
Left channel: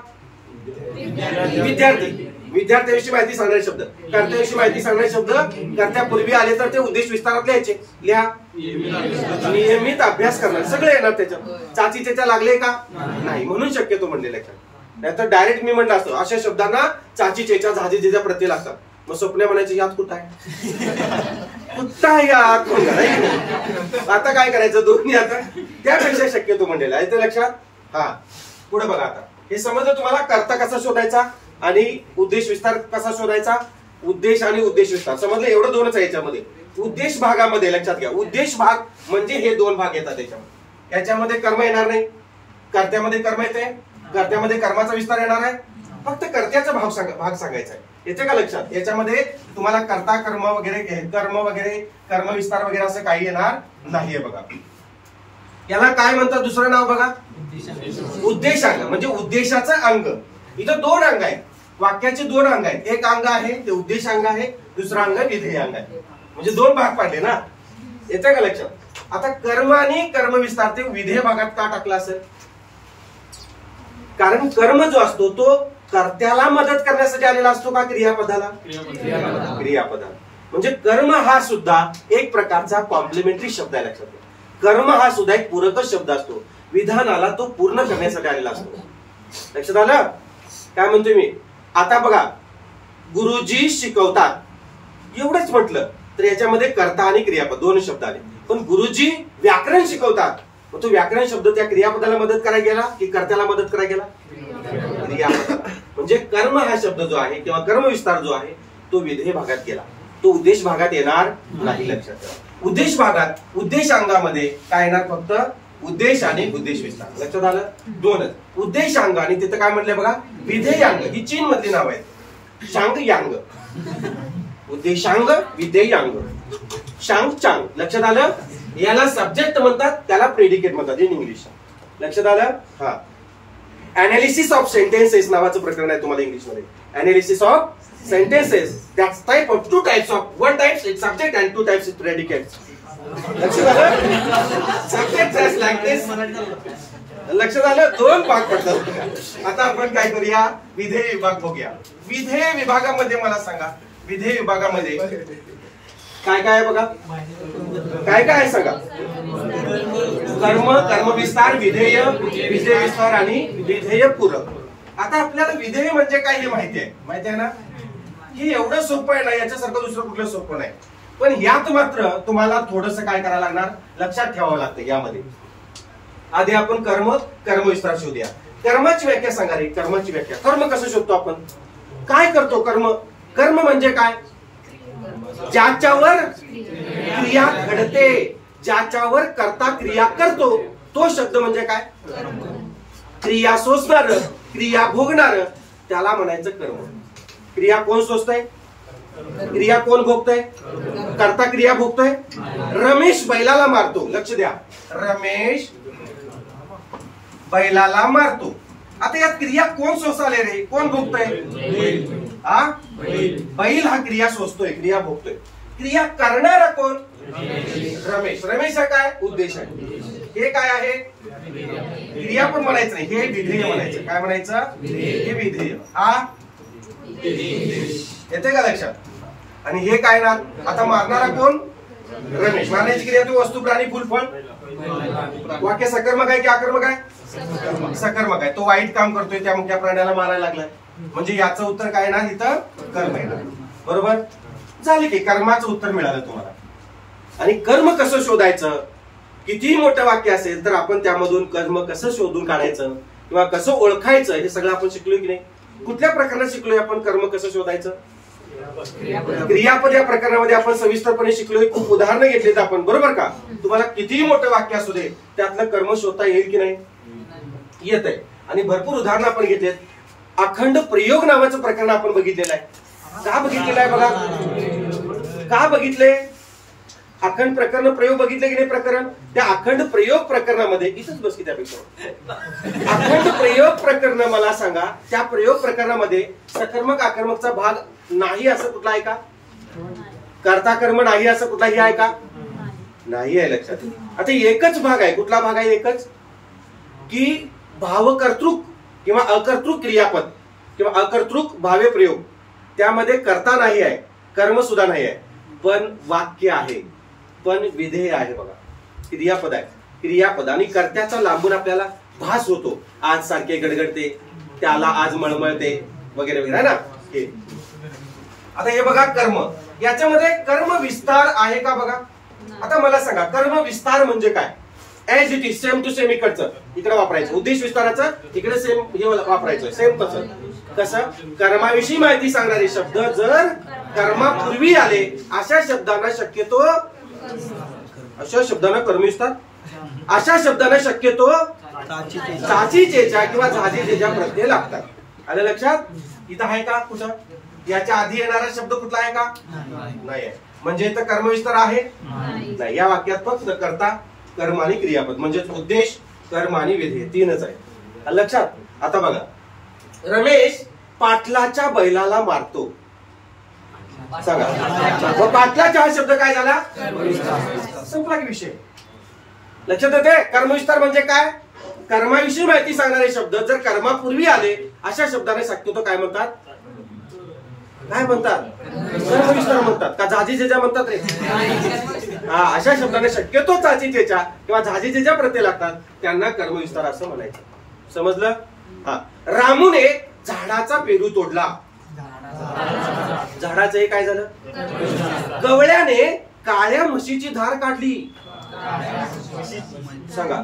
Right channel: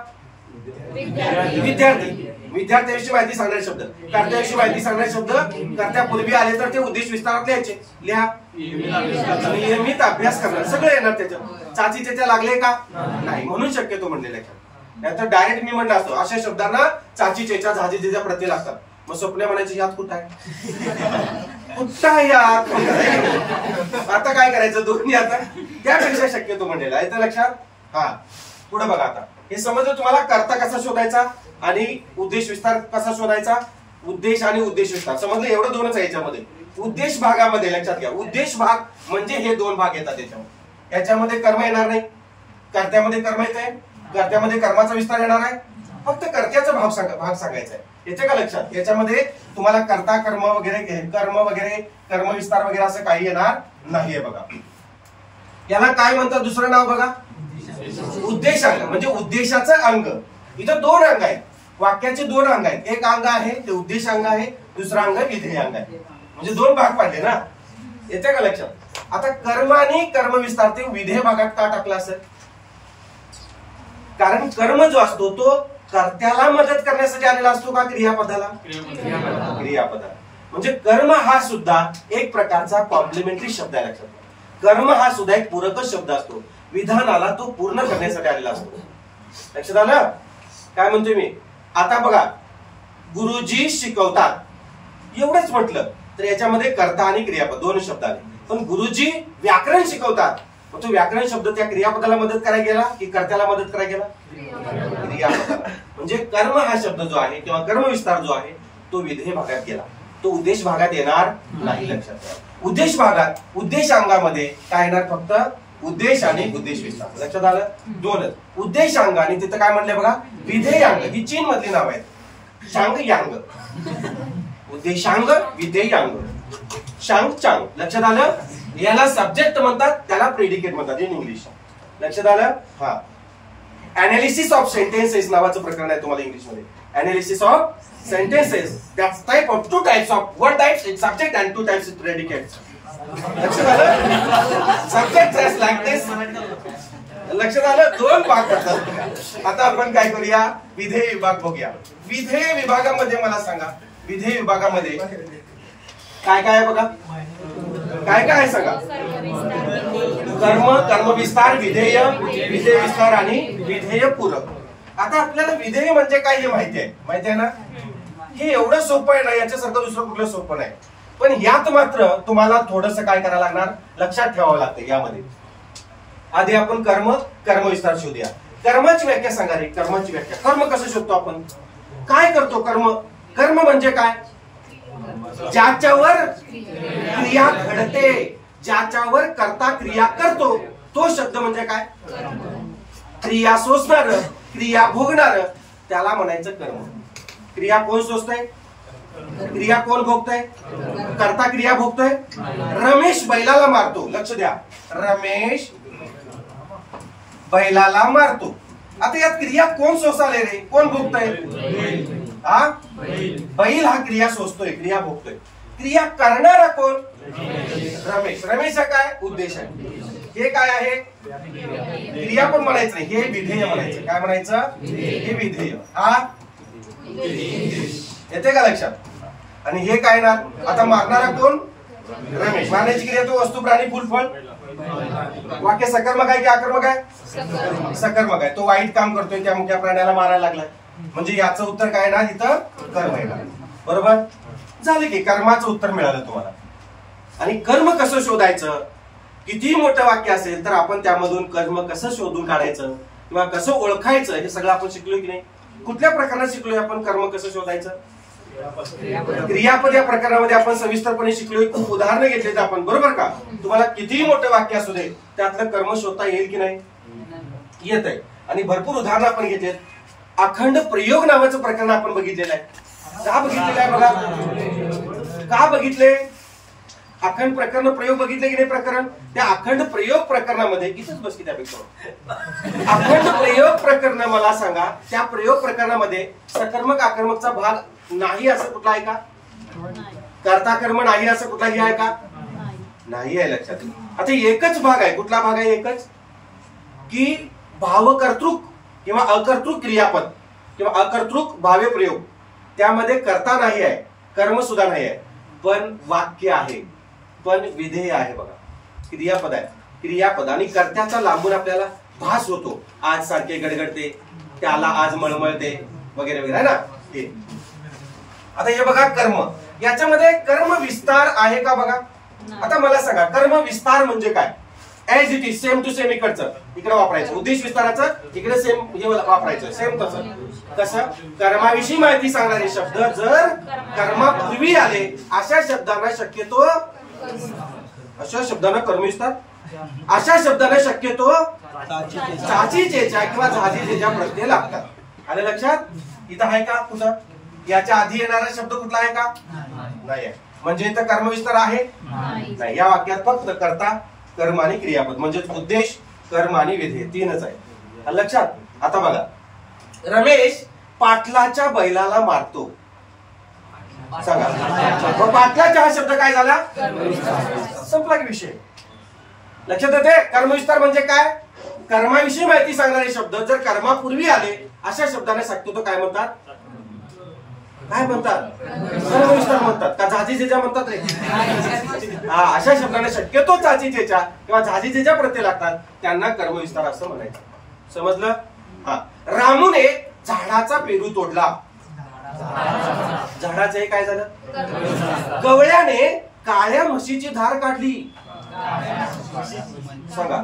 विद्यार्थी, विद्यार्थ्याविषयी माहिती सांगणारे शब्द, कर्त्याविषयी माहिती सांगणारे शब्द कर्त्यापूर्वी आले तर ते उद्देश विस्तारात लिहायचे. लिहा. नियमित अभ्यास करणार सगळे येणार त्याच्यात. चाचीचेच्या लागले का? नाही, म्हणून शक्यतो म्हणलेलं आहे. नाहीतर डायरेक्ट मी म्हणलं असतो अशा शब्दांना चाचीचेच्या झाजीचेच्या प्रत्यय लागतात. मग स्वप्न म्हणायचे यात कुठं आहे? कुठं यात? आता काय करायचं? दोन्ही आता त्यापेक्षा शक्यतो म्हणलेला आहे. ते लक्षात. हा, पुढे बघा. आता हे समजलं तुम्हाला कर्ता कसा शोधायचा आणि उद्देश विस्तार कसा शोधायचा. उद्देश आणि उद्देश विस्तार समजलं, एवढं दोनच आहे याच्यामध्ये. उद्देश भागामध्ये लक्षात घ्या, उद्देश भाग म्हणजे हे दोन भाग येतात याच्यामध्ये. याच्यामध्ये कर्म येणार नाही, कर्त्यामध्ये कर्म येते, कर्त्यामध्ये कर्माचा विस्तार येणार आहे, फक्त कर्त्याचा भाग सांगायचा आहे. येते का लक्षात? याच्यामध्ये तुम्हाला कर्ता कर्म वगैरे कर्म विस्तार वगैरे असं काही येणार नाहीये बघा. याला काय म्हणतात दुसरं नाव बघा, उद्देशांग, म्हणजे उद्देशाचं अंग. इथं दोन अंग आहेत, वाक्याचे दोन अंग आहेत. एक अंग आहे ते उद्देशांग आहे, दुसरा अंग विधेय अंग आहे. म्हणजे दोन भाग पाडले ना, येते का लक्षात? आता कर्म आणि कर्म विस्तार ते विधेय भागात का टाकला असेल? कारण कर्म जो असतो तो कर्त्याला मदत करण्यासाठी आलेला असतो का क्रियापदाला? क्रियापदाला. म्हणजे कर्म हा सुद्धा एक प्रकारचा कॉम्प्लिमेंटरी शब्द आहे. लक्षात घ्या, कर्म हा सुद्धा एक पूरकच शब्द असतो, विधानाला तो पूर्ण करण्यासाठी आलेला असतो. लक्षात आलं काय म्हणतोय मी? आता बघा, गुरुजी शिकवतात एवढंच म्हटलं तर याच्यामध्ये कर्ता आणि क्रियापद दोन शब्द आले. पण गुरुजी व्याकरण शिकवतात, मग तो व्याकरण शब्द त्या क्रियापदाला मदत करायला गेला की कर्त्याला मदत करायला गेला? क्रियापदाला. म्हणजे कर्म हा शब्द जो आहे किंवा कर्म विस्तार जो आहे तो विधेय भागात गेला, तो उद्देश भागात येणार नाही. लक्षात ठेवा, उद्देश भागात उद्देशांगामध्ये काय येणार? फक्त उद्देश आणि उद्देश विस्तार. लक्षात आलं? दोनच, उद्देशांग आणि तिथं काय म्हटलंय बघा, विधेयांग. ही चीन मधली नाव आहेत, शांग यांग. उद्देशांग, विधेयांग, शांग चांग. लक्षात आलं? याला सब्जेक्ट म्हणतात, त्याला प्रेडिकेट म्हणतात इन इंग्लिश. लक्षात आलं? हा. अनालिसिस ऑफ सेंटेन्सेस नावाचं प्रकरण आहे तुम्हाला इंग्लिश मध्ये. Analysis of sentences, that's type of two types of, one type is subject and two types is predicates. लक्षात आलं? Subject is like this. लक्षात आलं? दोन भाग पडतात. आता आपण काय करूया, विधेय विभाग बघूया. विधेय विभागामध्ये मला सांगा, विधेय विभागामध्ये काय काय आहे बघा, काय काय आहे सांगा? कर्म, कर्म विस्तार, विधेय, विधेय विस्तार आणि विधेय पूरक. आता आपल्याला विधेय म्हणजे काय हे माहिती आहे ना? हे एवढं सोपं आहे ना, याच्यासारखं दुसरं कुठलं सोपं नाही. पण यात मात्र तुम्हाला थोडंसं काय करायला लागणार, लक्षात ठेवावं लागतं. यामध्ये आधी आपण कर्म, कर्म विस्तार शोधूया. कर्माची व्याख्या सांगा रे, कर्माची व्याख्या. कर्म कसं शोधतो आपण? काय करतो कर्म? कर्म म्हणजे काय? ज्याच्यावर क्रिया घडते, ज्याच्यावर कर्ता क्रिया करतो, तो शब्द म्हणजे काय? क्रिया सोसणार, क्रिया भोगणार, त्याला म्हणायचं कर्म. क्रिया कोण सोसतोय? क्रिया कोण भोगतोय? कर्ता क्रिया भोगतोय. रमेश बैलाला मारतो. लक्ष द्या, रमेश बैलाला मारतो. आता यात क्रिया कोण सोसाले रे? कोण भोगतोय? हा, बैल हा क्रिया सोसतोय, क्रिया भोगतोय. क्रिया करणारा कोण? रमेश. रमेश हा काय? उद्देश आहे. हे काय आहे? क्रिया पण म्हणायचं नाही, हे विधेय म्हणायचं. काय म्हणायचं? हे विधेय. हा येते का लक्षात? आणि हे काय ना, आता मारणारा कोण? रमेश. मारण्याची क्रिया तो वस्तू, प्राणी, फुल, फळ. वाक्य सकर्मक आहे की अकर्मक आहे? सकर्मक आहे. तो वाईट काम करतोय, त्या मुख्या प्राण्याला मारायला लागलाय, म्हणजे याचं उत्तर काय ना, इथं कर्म आहे. बरोबर झाले की कर्माचं उत्तर मिळालं तुम्हाला. आणि कर्म कसं शोधायचं? किती मोठं वाक्य असेल तर आपण त्यामधून कर्म कसं शोधून काढायचं किंवा कसं ओळखायचं हे सगळं आपण शिकलोय की नाही? कुठल्या प्रकारात शिकलोय आपण कर्म कसं शोधायचं? क्रियापद या प्रकारामध्ये आपण सविस्तरपणे शिकलोय. खूप उदाहरणं घेतलीत आपण, बरोबर का? तुम्हाला कितीही मोठं वाक्य असू दे त्यातलं कर्म शोधता येईल की नाही? येत आहे. आणि भरपूर उदाहरणं आपण घेतलेत. अखंड प्रयोग नावाचं प्रकरण आपण बघितलेलं आहे. का बघितलेलं आहे बघा? का बघितले? अखंड प्रकरण प्रयोग बघितले की नाही? प्रकरण, त्या अखंड प्रयोग प्रकरणामध्ये इथंच बस की त्यापेक्षा अखंड प्रयोग प्रकरण मला सांगा, त्या प्रयोग प्रकरणामध्ये सकर्मक आकर्मकचा भाग नाही असं कुठला आहे का? कर्ता कर्म नाही असं कुठलाही आहे का? नाही आहे. लक्षात. आता एकच भाग आहे. कुठला भाग आहे? एकच, की भावकर्तृक किंवा अकर्तृक क्रियापद किंवा अकर्तृक भाव्य प्रयोग, त्यामध्ये कर्ता नाही आहे, कर्म सुद्धा नाही आहे, पण वाक्य आहे, पण विधेय आहे. बघा, क्रियापद आहे. क्रियापद आणि कर्त्याचा लांबून आपल्याला भास होतो. आज सारखे गडगडते, त्याला आज मळमळते वगैरे वगैरे, है ना? हे आता हे बघा कर्म, याच्यामध्ये कर्म विस्तार आहे का? बघा, आता मला सांगा कर्म विस्तार म्हणजे काय? As it is, same to same इकडचं इकडे वापरायचं, उद्देश विस्ताराचं इकडे सेम हे वापरायचं, सेम तसं. कसं? कर्माविषयी माहिती सांगणारे शब्द जर कर्मापूर्वी आले अशा शब्दांना शक्यतो, अशा शब्दांना कर्मविस्तार, अशा शब्दांना शक्यतो चाचीचेच्या किंवा झाजीचेच्या प्रत्यय लागतात. आलं लक्षात? इथं आहे का कुठं? याच्या आधी येणारा शब्द कुठला आहे का? नाही आहे. म्हणजे इथं कर्मविस्तार आहे नाही. या वाक्यात फक्त कर्ता, कर्म आणि क्रियापद म्हणजे उद्देश, कर्म आणि विधेय तीनच आहे. आलं लक्षात? आता बघा, रमेश पाटलाच्या बैलाला मारतो. सांगा मग पाटलाचा हा शब्द काय झाला? संपला की विषय. लक्षात येते? कर्मविस्तार म्हणजे काय? कर्माविषयी माहिती सांगणारे शब्द जर कर्मापूर्वी आले अशा शब्दाने शक्यतो काय म्हणतात? काय म्हणतात? कर्मविस्तार म्हणतात का झाजीचेच्या म्हणतात रे? हा, अशा शब्दाने शक्यतो चाचीचेच्या किंवा झाजीचेच्या प्रत्यय लागतात त्यांना कर्मविस्तार असं म्हणायचं. समजलं? हा. रामूने झाडाचा पेरू तोडला. झाडाचं हे काय झालं? गवळ्याने काळ्या म्हशीची धार काढली. सांगा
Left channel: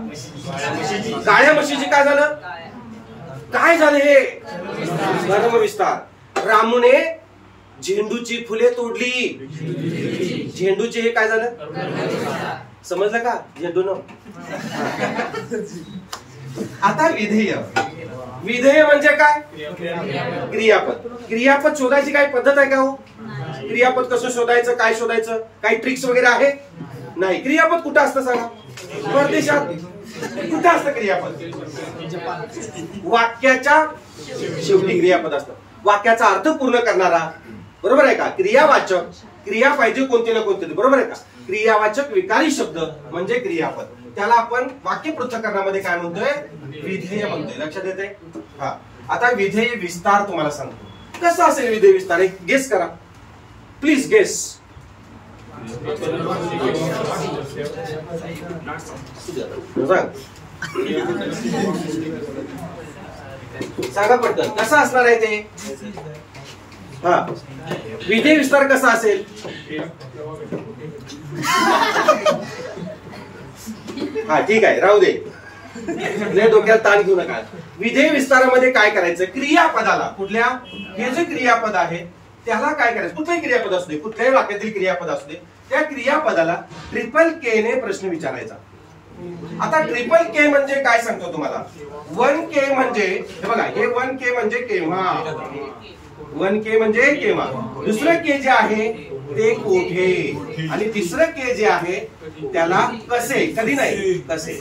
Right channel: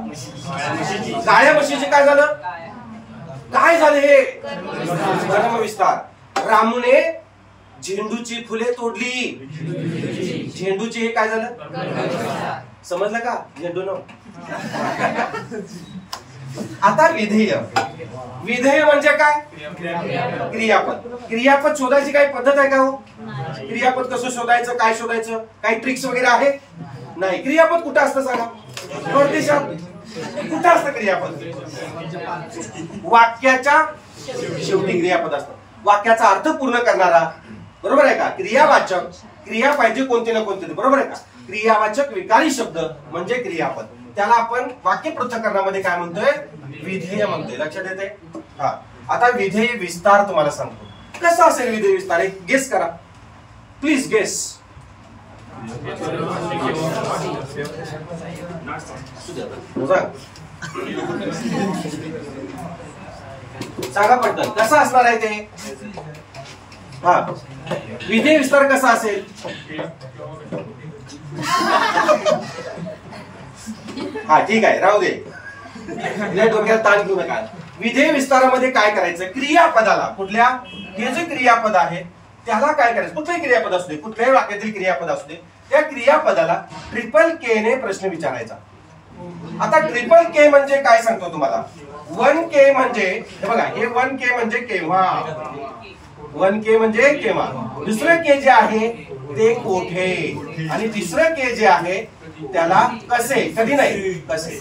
काळ्या म्हशीची काय झालं? काय झालं हे? कर्मविस्तार. रामूने झेंडूची फुले तोडली. झेंडूची हे काय झालं? समजलं का? झेंडू न. आता विधेय. विधेय म्हणजे काय? क्रियापद. क्रियापद शोधायची काही पद्धत आहे का हो? क्रियापद कसं शोधायचं? काय शोधायचं? काही ट्रिक्स वगैरे आहे? नाही. क्रियापद कुठं असतं सांगा? परदेशात. कुठं असतं क्रियापद? वाक्याच्या शेवटी क्रियापद असतं. वाक्याचा अर्थ पूर्ण करणारा, बरोबर आहे का? क्रियावाचक, क्रिया पाहिजे कोणते ना कोणते, बरोबर आहे का? क्रियावाचक विकारी शब्द म्हणजे क्रियापद. त्याला आपण वाक्य पृथक्करणामध्ये काय म्हणतोय? विधेय म्हणतोय. लक्षात येते? हा. आता विधेय विस्तार तुम्हाला सांगतो. कसा असेल विधेय विस्तार? एक गेस करा प्लीज. गेस. सांगा पटकन कसा असणार आहे ते? हा. विधेय विस्तार कसा असेल? हा ठीक आहे, राहू दे, डोक्यात ताण घेऊ नका. विधेय विस्तारामध्ये काय करायचं? क्रियापदाला, कुठल्या, हे जे क्रियापद आहे त्याला काय करायचं? कुठलंही क्रियापद असू दे, कुठल्याही वाक्यातील क्रियापद असू दे, त्या क्रियापदाला ट्रिपल के ने प्रश्न विचारायचा. आता ट्रिपल के म्हणजे काय सांगतो तुम्हाला? 1K म्हणजे हे बघा, हे 1K म्हणजे केव्हा, 1K म्हणजे केव्हा, दुसरं के जे आहे ते कोठे, आणि तिसरं के जे आहे त्याला कसे. कधी नाही, कसे.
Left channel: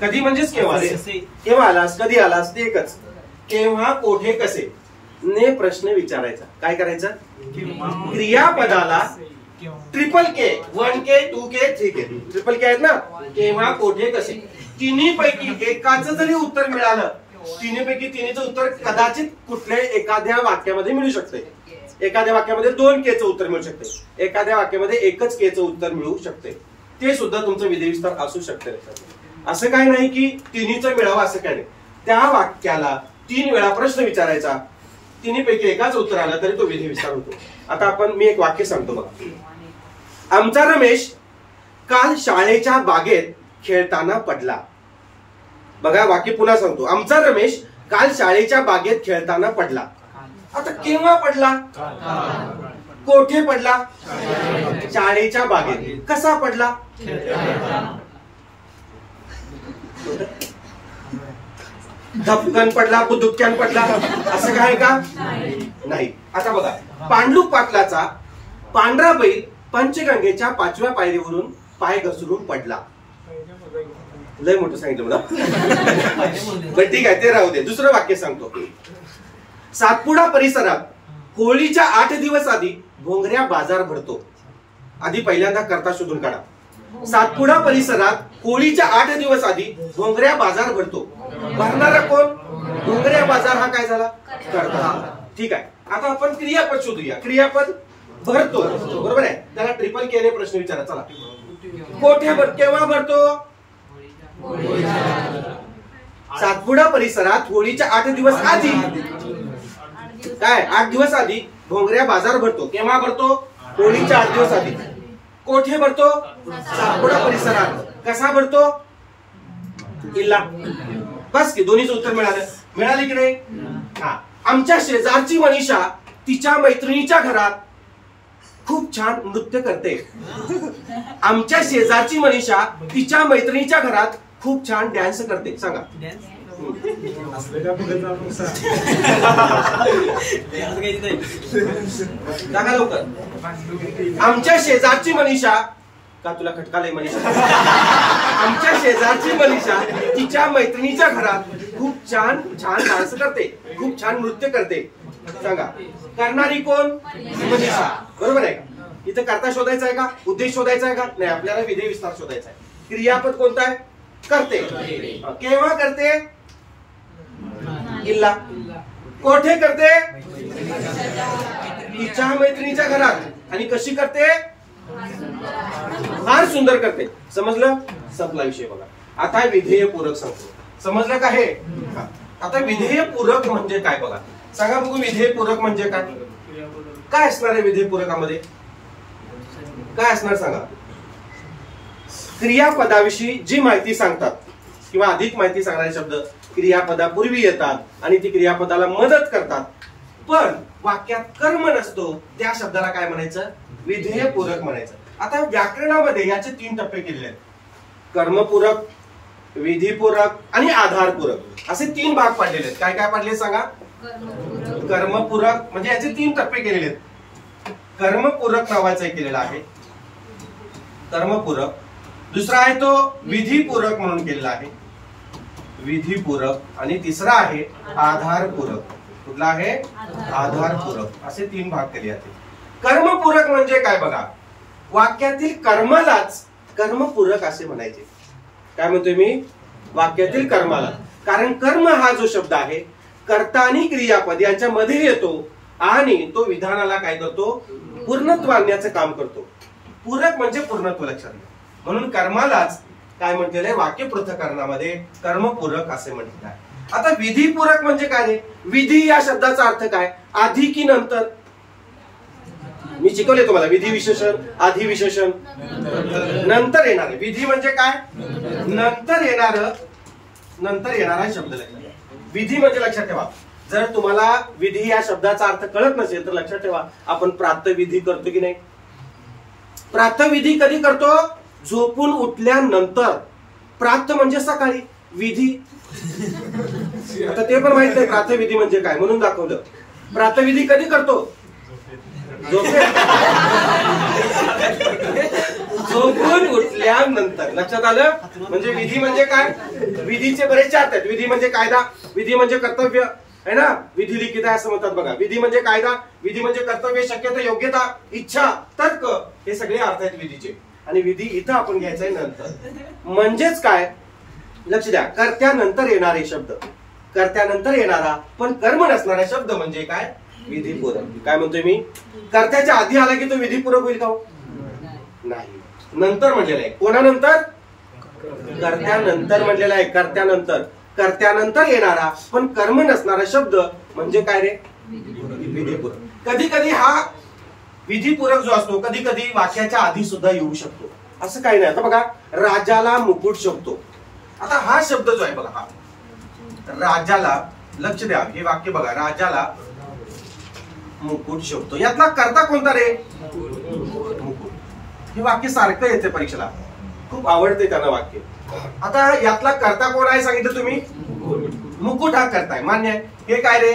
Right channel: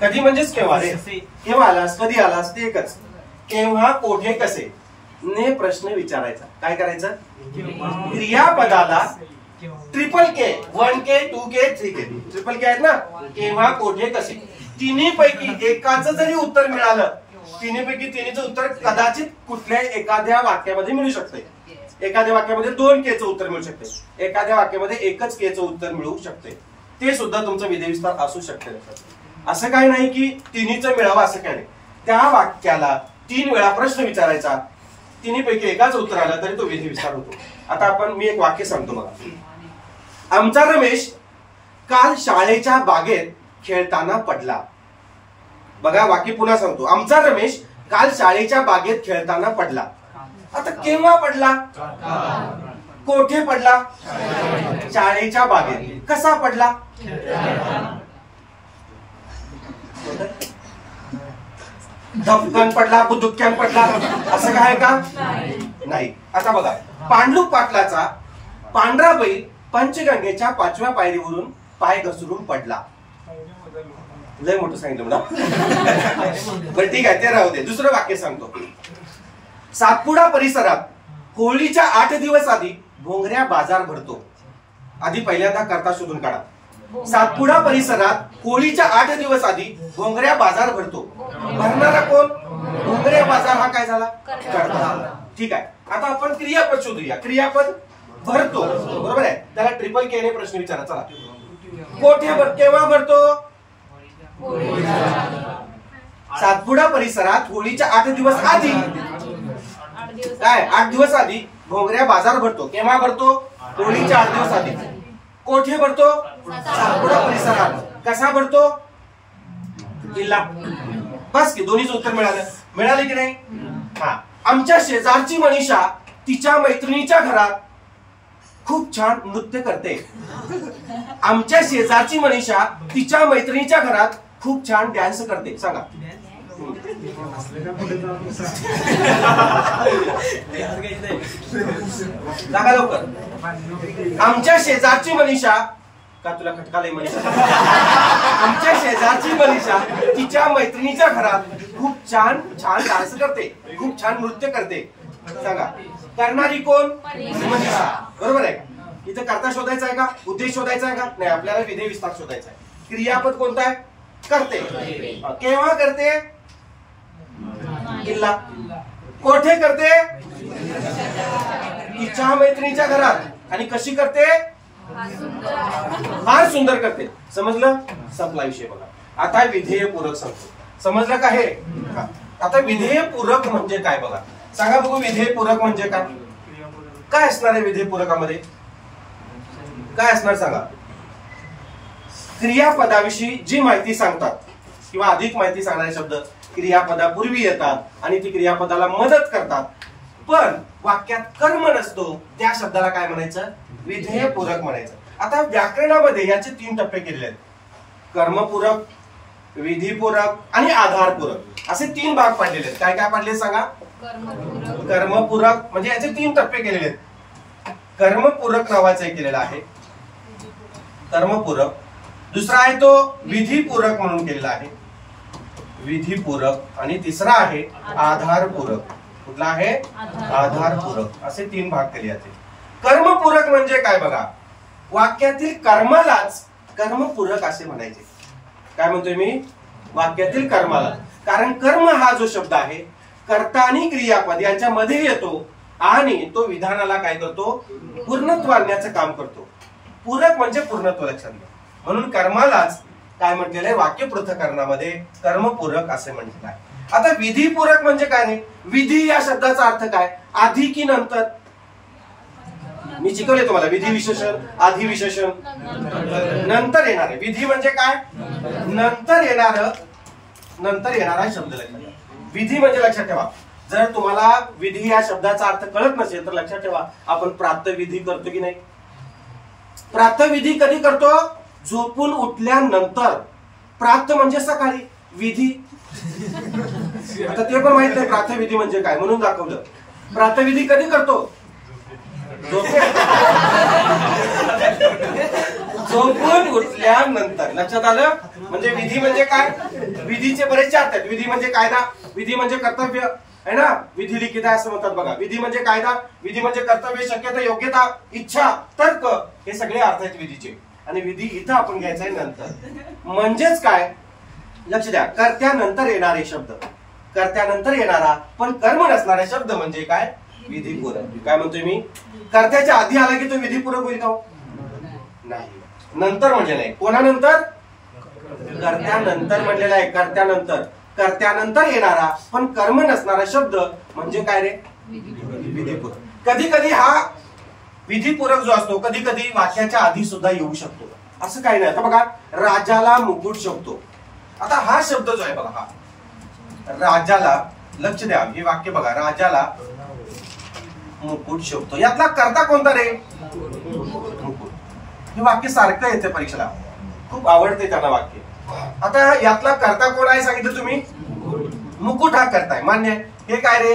कधी म्हणजेच केव्हा रे, केव्हा आलास, कधी आलास, ते एकच. केव्हा, कोठे, कसे ने प्रश्न विचारायचा. काय करायचं? क्रियापदाला ट्रिपल के, 1K 2K 3K, ट्रिपल के आहेत ना, केव्हा, कोठे, कसे. तिन्ही पैकी एकाचं जरी उत्तर मिळालं, तिन्ही पैकी तिन्हीचं उत्तर कदाचित कुठल्या एखाद्या वाक्यामध्ये मिळू शकते. एखाद्या वाक्यामध्ये 2Kचं उत्तर मिळू शकते, एखाद्या वाक्यामध्ये एकच Kचं उत्तर मिळू शकते. ते सुद्धा तुमचं विधेय विस्तार असू शकते. असं काही नाही की तिन्हीचं मिळावं असं काही नाही. त्या वाक्याला 3 वेळा प्रश्न विचारायचा, तिन्ही पैकी एकाच उत्तर आलं तरी तो विधेय विस्तार होतो. आता आपण, मी एक वाक्य सांगतो बघा. आमचा रमेश काल शाळेच्या बागेत खेळताना पडला. बघा वाक्य पुन्हा सांगतो. आमचा रमेश काल शाळेच्या बागेत खेळताना पडला. आता केव्हा पडला? कोठे पडला? शाळेच्या बागेत. कसा पडला? धपकन पडला, बुदुक्यान पडला, असं काय का? नाही. आता बघा, पांडुरंग पाटलाचा पांढरा बैल पंचगंगेच्या 5व्या पायरीवरून पाय घसरून पडला. लय मोठं सांगितलं मला. बरं ठीक आहे, ते राहू दे. दुसरं वाक्य सांगतो. सातपुडा परिसरात होळीच्या 8 दिवस आधी भोंगऱ्या बाजार भरतो. आधी पहिल्यांदा कर्ता शोधून काढा. सातपुडा परिसरात होळीच्या 8 दिवस आधी भोंगऱ्या बाजार भरतो. भरणारा कोण? भोंगऱ्या बाजार हा काय झाला? कर्ता. ठीक आहे. आता आपण क्रियापद शोधूया. क्रियापद भरतो, बरोबर आहे. त्याला ट्रिपल के ने प्रश्न विचारा. चला, कोठे, केव्हा भरतो? सातपुडा परिसरात होळीच्या 8 दिवस आधी, काय 8 दिवस आधी भोंगऱ्या बाजार भरतो. केव्हा भरतो? होळीच्या 8 दिवस आधी. कोठे भरतो? सातपुडा परिसरात. कसा भरतो? इल्ला. बस की दोन्हीच उत्तर मिळाले की नाही. हा, आमच्या शेजारची मनीषा तिच्या मैत्रिणीच्या घरात खूप छान नृत्य करते. आमच्या शेजारची मनीषा तिच्या मैत्रिणीच्या घरात खूप छान डान्स करते. सांगा. सांगा लवकर. आमच्या शेजारची मनीषा, का तुला खटकालय मनीषा? आमच्या शेजारची मनीषा तिच्या मैत्रिणीच्या घरात खूप छान डान्स करते, खूप छान नृत्य करते. सांगा. करणारी कोण? मनीषा. बरोबर आहे का? इथं करता शोधायचा आहे का? उद्देश शोधायचा आहे का? नाही, आपल्याला विधेय विस्तार शोधायचा आहे. क्रियापद कोणता आहे? करते. केव्हा करते? इल्ला. कोठे करते? तिच्या मैत्रिणीच्या घरात. आणि कशी करते? फार सुंदर करते. समजलं? संपला विषय बघा. आता विधेय पूरक सांगतो. समजलं का हे? आता विधेय पूरक म्हणजे काय बघा. सांगा बघू, विधेय पूरक म्हणजे काय? काय असणार आहे विधेय पूरकामध्ये? काय असणार सांगा. क्रियापदाविषयी जी माहिती सांगतात किंवा अधिक माहिती सांगणारे शब्द क्रियापदापूर्वी येतात आणि ती क्रियापदाला मदत करतात, पण वाक्यात कर्म नसतो, त्या शब्दाला काय म्हणायचं? विधेय पूरक म्हणायचं. आता व्याकरणामध्ये याचे 3 टप्पे केलेले आहेत. कर्मपूरक, विधीपूरक आणि आधारपूरक असे 3 भाग पडलेले आहेत. काय काय पडले सांगा. कर्मपूरक म्हणजे याचे 3 टप्पे केलेले आहेत. कर्मपूरक नावाचं एक केलेलं आहे कर्मपूरक. दुसरा आहे तो विधीपूरक म्हणून केलेला आहे, विधीपूरक. आणि तिसरा आहे आधारपूरक. कुठला आहे? आधारपूरक. असे 3 भाग केले जाते. कर्मपूरक म्हणजे काय बघा. वाक्यातील कर्मालाच कर्मपूरक असे म्हणायचे. काय म्हणतोय मी? वाक्यातील कर्माला. कारण कर्म हा जो शब्द आहे कर्ता आणि क्रियापद यांच्या मध्ये येतो आणि तो विधानाला काय करतो? पूर्णत्व आणण्याचं काम करतो. पूरक म्हणजे पूर्णत्व. लक्षात घ्या. म्हणून कर्मालाच काय म्हटलेलं आहे? वाक्य पृथक्करणामध्ये कर्मपूरक असे म्हटलेलं आहे. आता विधीपूरक म्हणजे काय नाही. विधी या शब्दाचा अर्थ काय? आधी की नंतर? मी शिकवले तुम्हाला. विधी विशेषण, आधी विशेषण, नंतर येणारे. विधी म्हणजे काय? नंतर येणारा शब्द. लक्षात. विधी म्हणजे लक्षात ठेवा, जर तुम्हाला विधी या शब्दाचा अर्थ कळत नसेल तर लक्षात ठेवा, आपण प्रातःविधी करतो की नाही? प्रातःविधी कधी करतो? झोपून उठल्यानंतर. प्रात म्हणजे सकाळी, विधी आता ते पण माहित नाही प्रातःविधी म्हणजे काय, म्हणून दाखवलं. प्रातःविधी कधी करतो? झोपून उठल्यानंतर. लक्षात आलं? म्हणजे विधी म्हणजे काय? विधीचे बरेचसे अर्थ आहेत. विधी म्हणजे कायदा, विधी म्हणजे कर्तव्य आहे ना. विधी लिखित आहे असं म्हणतात बघा. विधी म्हणजे कायदा, विधी म्हणजे कर्तव्य, शक्यता, योग्यता, इच्छा, तर्क, हे सगळे अर्थ आहेत विधीचे. आणि विधी इथं आपण घ्यायचा आहे नंतर. म्हणजेच काय? लक्ष द्या. कर्त्यानंतर येणारे शब्द, कर्त्यानंतर येणारा पण कर्म नसणारा शब्द म्हणजे काय? विधीपूरक. काय म्हणतोय मी? कर्त्याच्या आधी आला की तो विधीपूरक होईल का? नाही. नंतर म्हणजे नाही. कोणानंतर? कर्त्यानंतर म्हणलेला आहे. कर्त्यानंतर. कर्त्यानंतर येणारा पण कर्म नसणारा शब्द म्हणजे काय रे? विधीपूरक. कधी कधी हा विधीपूरक जो असतो कधी कधी वाक्याच्या आधी सुद्धा येऊ शकतो. असं काही नाही. आता बघा, राजाला मुकुट शोभतो. आता हा शब्द जो आहे बघा, हा राजाला, लक्ष द्या, हे वाक्य बघा. राजाला मुकुट शोभतो. यातला कर्ता कोणता रे? मुकुट. हे वाक्य सारखं येते परीक्षेला, खूप आवडते त्यांना वाक्य. आता यातला कर्ता कोण आहे सांगितलं तुम्ही? मुकुट हा कर्ता आहे, मान्य आहे. हे काय रे?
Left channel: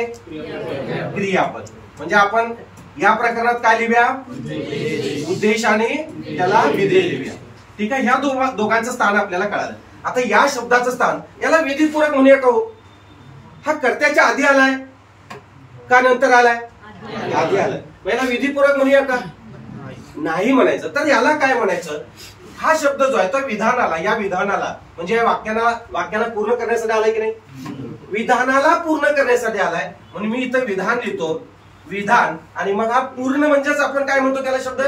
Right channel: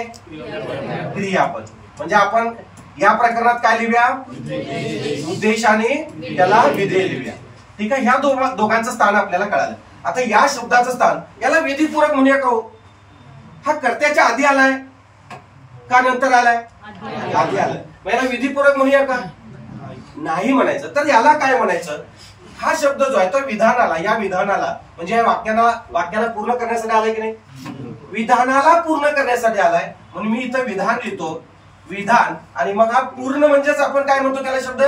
क्रियापद. म्हणजे आपण या प्रकरणात काय लिहूया? उद्देशाने त्याला विधेय लिहूया. ठीक आहे. ह्या दोघांचं स्थान आपल्याला कळालं. आता या शब्दाचं स्थान, याला विधीपूरक म्हणूया का हो? हा कर्त्याच्या आधी आलाय का नंतर आलाय? आधी आलाय. याला विधीपूरक म्हणूया का? नाही म्हणायचं. तर याला काय म्हणायचं? हा शब्द जो आहे तो विधानाला, या विधानाला म्हणजे या वाक्याला पूर्ण करण्यासाठी आलाय की नाही? विधानाला पूर्ण करण्यासाठी आलाय. म्हणून मी इथं विधान लिहितो, विधान. आणि मग हा पूर्ण म्हणजेच आपण काय म्हणतो त्याला शब्द?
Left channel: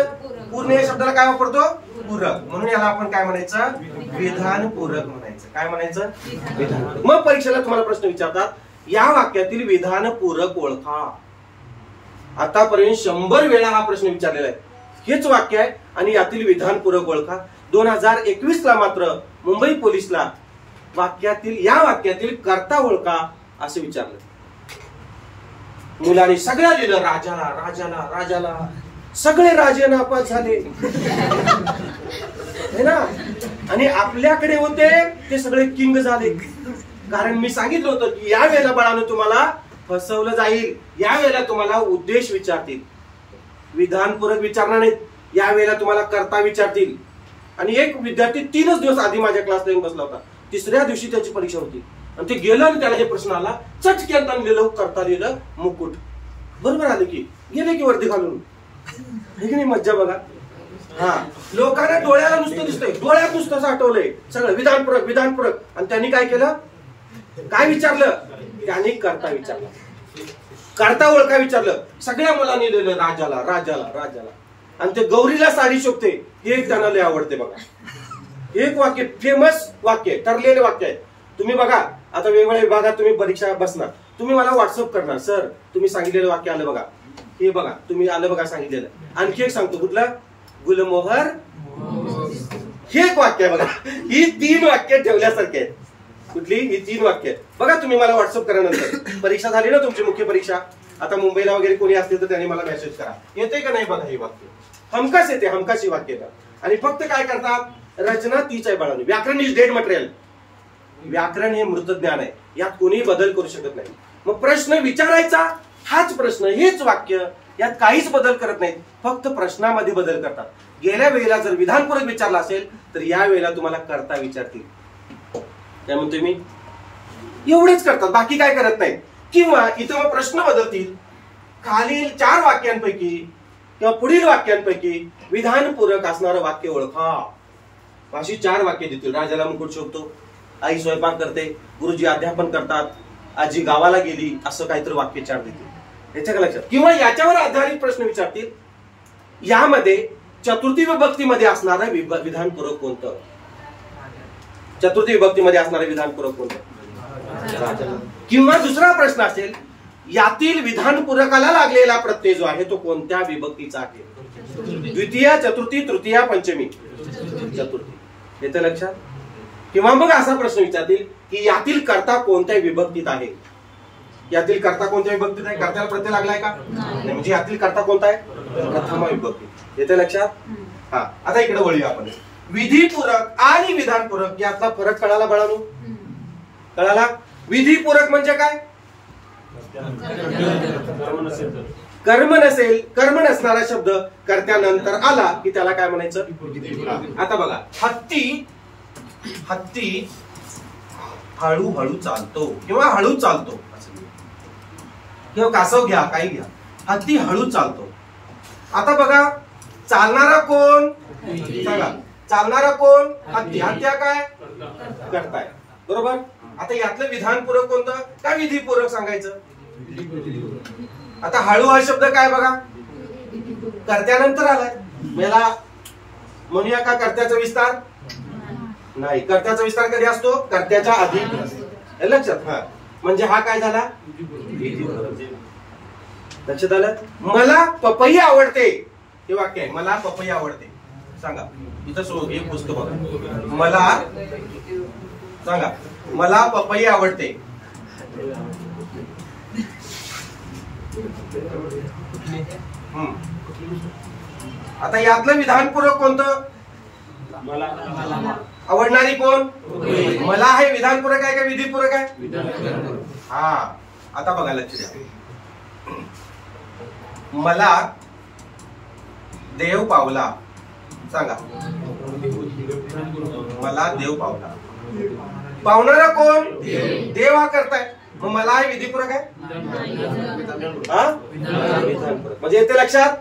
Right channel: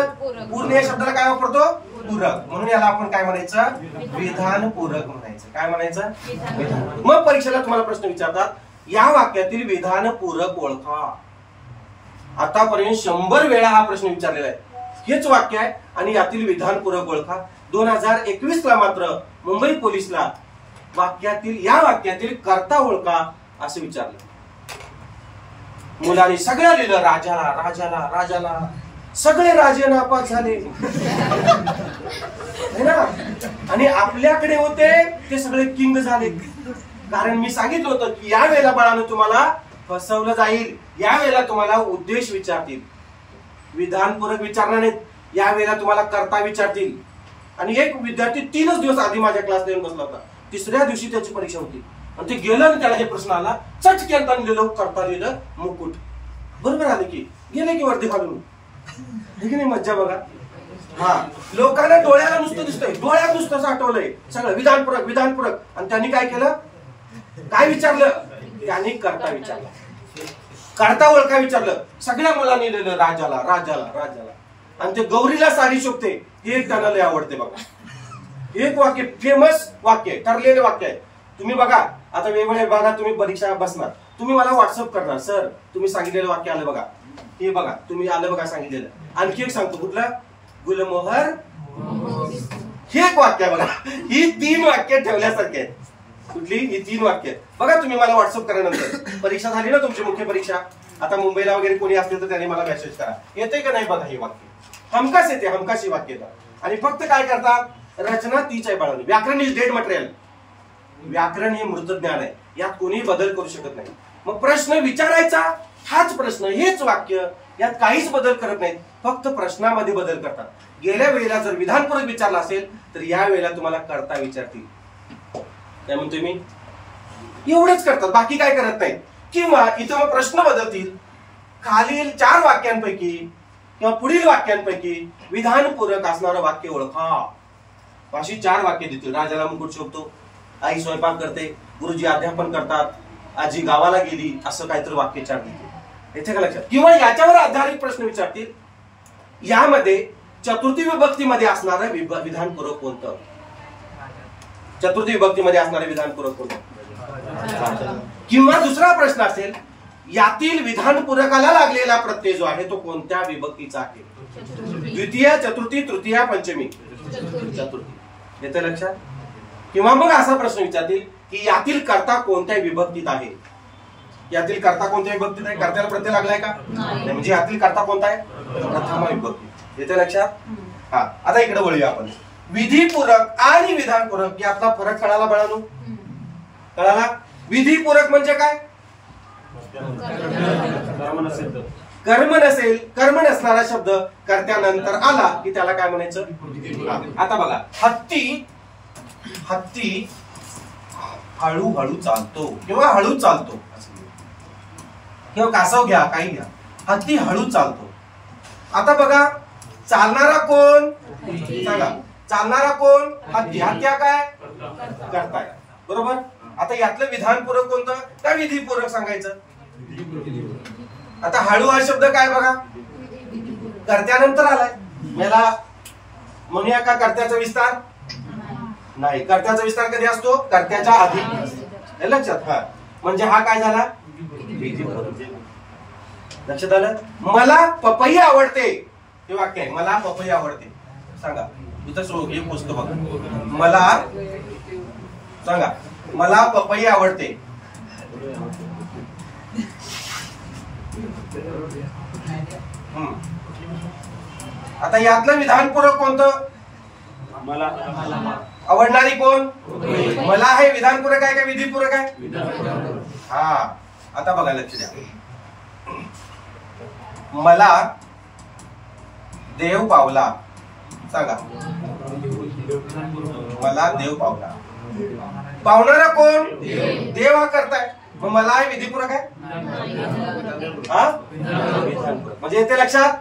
पूर्ण या शब्दाला काय वापरतो? पूरक. म्हणून याला आपण काय म्हणायचं? विधान पूरक म्हणायचं. काय म्हणायचं? विधान. मग परीक्षेला तुम्हाला प्रश्न विचारतात, या वाक्यातील विधान पूरक ओळखा. आतापर्यंत 100 वेळा हा प्रश्न विचारलेला आहे. हेच वाक्य आहे आणि यातील विधान पूरक ओळखा. 2021 ला मात्र मुंबई पोलिसला या वाक्यातील कर्ता ओळखा असं विचारलं. मुलांनी सगळ्या लिहिलं, राजाला राजाला राजाला. सगळे राजे नापास झाले है ना. आणि आपल्याकडे होते ते सगळे किंग झाले. कारण मी सांगितलं होतं की या वेळेला बाळानं तुम्हाला फसवलं जाईल. या वेळेला तुम्हाला उद्देश विचारतील, विधानपूरक विचारणार नाहीत. या वेळेला तुम्हाला कर्ता विचारतील. आणि एक विद्यार्थी 3 दिवस आधी माझ्या क्लासला येऊन बसला होता. 3ऱ्या दिवशी त्याची परीक्षा होती आणि ते गेलं आणि त्याला हे प्रश्न आला. चटक्यात लिहिलं, कर्ता लिहिलं, मुकुट. बरोबर आलं की गेले की वर्दी घालून. हे की नाही मज्जा बघा. हा, लोकांना डोळ्याला नुसतं दिसतंय, डोळ्यात नुसतं आठवलंय सगळं विधानपूरक विधानपूरक. आणि त्यांनी काय केलं, काय विचारलं, त्यांनी कर्ता विचारला, कर्ता ओळखा विचारलं. सगळ्या मुलांनी लिहिलं राजाला राजाला राजाला. आणि ते गौरीला साडी शोभते हे एक त्यांना लय आवडते बघा. एक वाक्य, फेमस वाक्य, ठरलेले वाक्य आहे. तुम्ही बघा आता वेगवेगळ्या विभागात तुम्ही परीक्षा बसणार, तुम्ही मला व्हॉट्सअप करणार, सर तुम्ही सांगितलेलं वाक्य आलं बघा, हे बघा तुम्ही आलं बघा सांगितलेलं. आणखी एक सांगतो, कुठलं, गुलमोहर. हे एक वाक्य बघा. ही 3 वाक्य ठेवल्यासारखे आहेत. कुठली, ही 3 वाक्य बघा. तुम्ही मला व्हॉट्सअप करा नंतर. परीक्षा झाली ना तुमची, मुख्य परीक्षा. आता मुंबईला वगैरे कोणी असतील तर त्यांनी मला मेसेज करा, येते का नाही बघा. हे वाक्य हमखास येते, हमखास वाक्य येतात. आणि फक्त काय करतात, रचना तीच आहे बाळांनी. व्याकरण इज डेड मटेरियल. व्याकरण हे मृत ज्ञान आहे, यात कोणीही बदल करू शकत नाही. मग प्रश्न विचारायचा, हाच प्रश्न, हेच वाक्य, यात काहीच बदल करत नाहीत, फक्त प्रश्नामध्ये बदल करतात. गेल्या वेळेला जर विधानपूरक विचारला असेल तर या वेळेला तुम्हाला कर्ता विचारतील. काय म्हणतोय मी, एवढेच करतात, बाकी काय करत नाहीत. किंवा इथं मग प्रश्न बदलतील. खालील 4 वाक्यांपैकी किंवा पुढील वाक्यांपैकी विधानपूरक असणारं वाक्य ओळखा. अशी 4 वाक्य देतील. राजाला मुकुट शोभतो, आई स्वयंपाक करते, गुरुजी अध्यापन करतात, आजी गावाला गेली, असं काहीतरी वाक्य 4 देतील. याच्या का लक्षात. किंवा याच्यावर आधारित प्रश्न विचारतील. यामध्ये चतुर्थी विभक्तीमध्ये असणारं विधानपूरक कोणतं, चतुर्थी विभक्तीमध्ये असणारं विधानपूरक कोणतं. किंवा दुसरा प्रश्न असेल, यातील विधानपूरकाला लागलेला प्रत्यय जो आहे तो कोणत्या विभक्तीचा आहे. द्वितीय, चतुर्थी, तृतीय, पंचमी, चतुर्थी. येतं लक्षात. किंवा मग असा प्रश्न विचारतील की यातील कर्ता कोणत्या विभक्तीत आहे. यातील कर्ता कोणत्या विभक्तीत आहे, कर्त्याला प्रत्यय लागलाय का, म्हणजे यातील कर्ता कोणता आहे, प्रथमा विभक्ती. येतं लक्षात. हा, आता इकडे वळूया आपण. विधिपूरक आणि विधानपूरक यातला फरक कळाला बाळांनो, कळाला. विधिपूरक म्हणजे काय, कर्म नसेल, कर्म नसणारा शब्द कर्त्यानंतर आला की त्याला काय म्हणायचं. आता बघा, हत्ती, हत्ती हळूहळू चालतो किंवा हळू चालतो, किंवा कासव घ्या, काही घ्या, हत्ती हळू चालतो. आता बघा, चालणारा कोण सांगा, चालणारा कोण, हत्ती. हत्या काय, करताय, बरोबर. आता यातलं विधानपूरक कोणतं का विधिपूरक सांगायचं. आता हळू हा शब्द काय बघा, कर्त्यानंतर आलाय. मला म्हणूया का कर्त्याचा विस्तार नाही. कर्त्याचा विस्तार कधी असतो, कर्त्याच्या आधी. लक्षात. हा, म्हणजे हा काय झाला, विधिपूरक. लक्षात आलं. मला पपई आवडते, हे वाक्य आहे. मला पपई आवडते. सांगा, इथं एक पुस्तक बघा. मला सांगा, मला पपई आवडते. आता यातलं विधानपूरक कोणतं, मला आवडणारी कोण, मला हे विधानपूरक आहे का विधिपूरक आहे. हा, आता बघा लक्ष द्या. मला देव पावला. सांगा, मला देव पावला. पावणारा कोण, देव हा करताय. मग मला हे विधिपूरक आहे, हा विधानपूरक. म्हणजे येते लक्षात,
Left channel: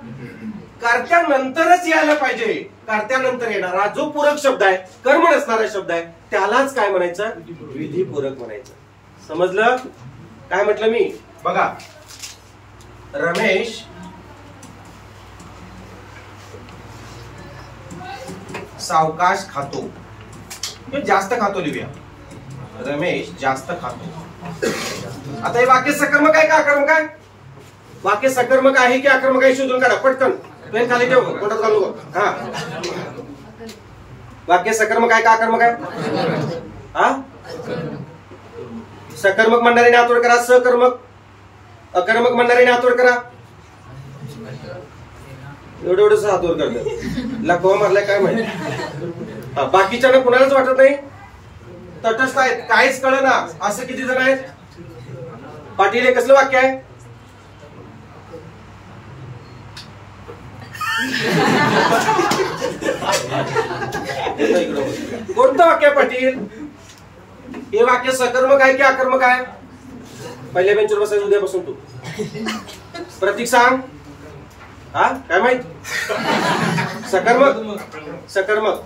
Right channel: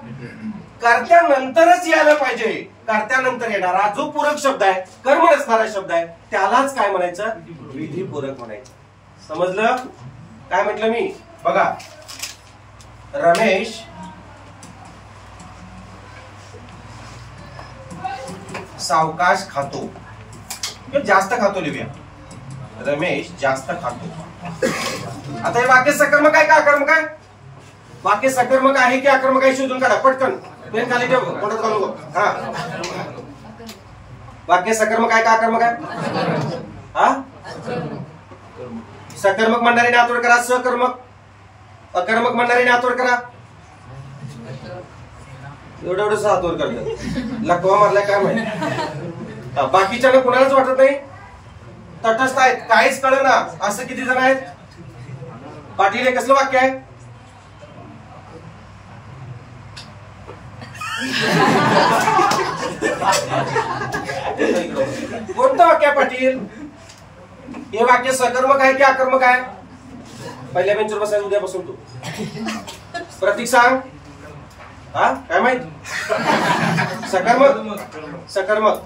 कर्त्यानंतरच यायला पाहिजे. कर्त्यानंतर येणारा जो पूरक शब्द आहे, कर्म नसणारा शब्द आहे, त्यालाच काय म्हणायचं, विधिपूरक म्हणायचं. समजलं काय म्हटलं मी. बघा, रमेश सावकाश खातो, जास्त खातो लिहूया. रमेश जास्त खातो. आता हे वाक्य सकर्मक आहे का आकर्मक आहे, वाक्य सकर्मक आहे की आकर्मक आहे शोधून काढा पटकन. पेन खाली ठेव, कोणात घालू नको. हा, वाक्य सकर्मक आहे का आकर्मक आहे, हा सकर्मक म्हणणाऱ्याने हातोड करा. सकर्मक. अकर्मक म्हणणाऱ्याने हातोड करा. एवढं हातोड करतात. लकवा मारलाय काय माहिती. बाकीच्या कुणालाच वाटत नाही, तटस्थ आहेत, काहीच कळना असं किती जण आहेत. पाटील हे कसलं वाक्य आहे? कोणतं वाक्य आहे पाटील? हे वाक्य सकर्मक आहे की आकर्मक आहे? पहिल्या बेंचवर बसायचं उद्यापासून तू. प्रतीक सांग. हा काय माहित? सकर्मक. सकर्मक.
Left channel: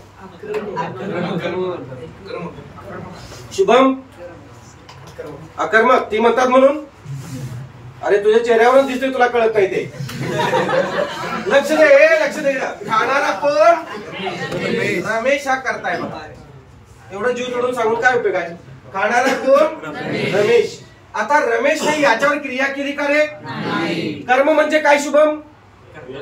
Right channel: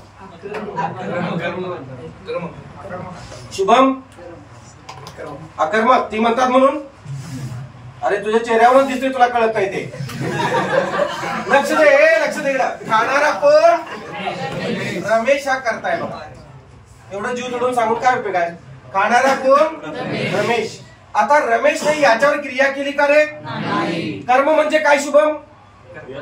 शुभम अकर्मक. ती म्हणतात म्हणून. अरे तुझ्या चेहऱ्यावरच दिसतोय तुला कळत नाही ते. लक्ष दे, लक्ष दे. खाणारा कोण? रमेश हा करताय बघा. एवढं जीव तोडून सांगून काय उपयोग आहे? खाणारा कोण? रमेश. आता रमेश नाही याच्यावर क्रिया केली का रे? कर्म म्हणजे काय शुभम?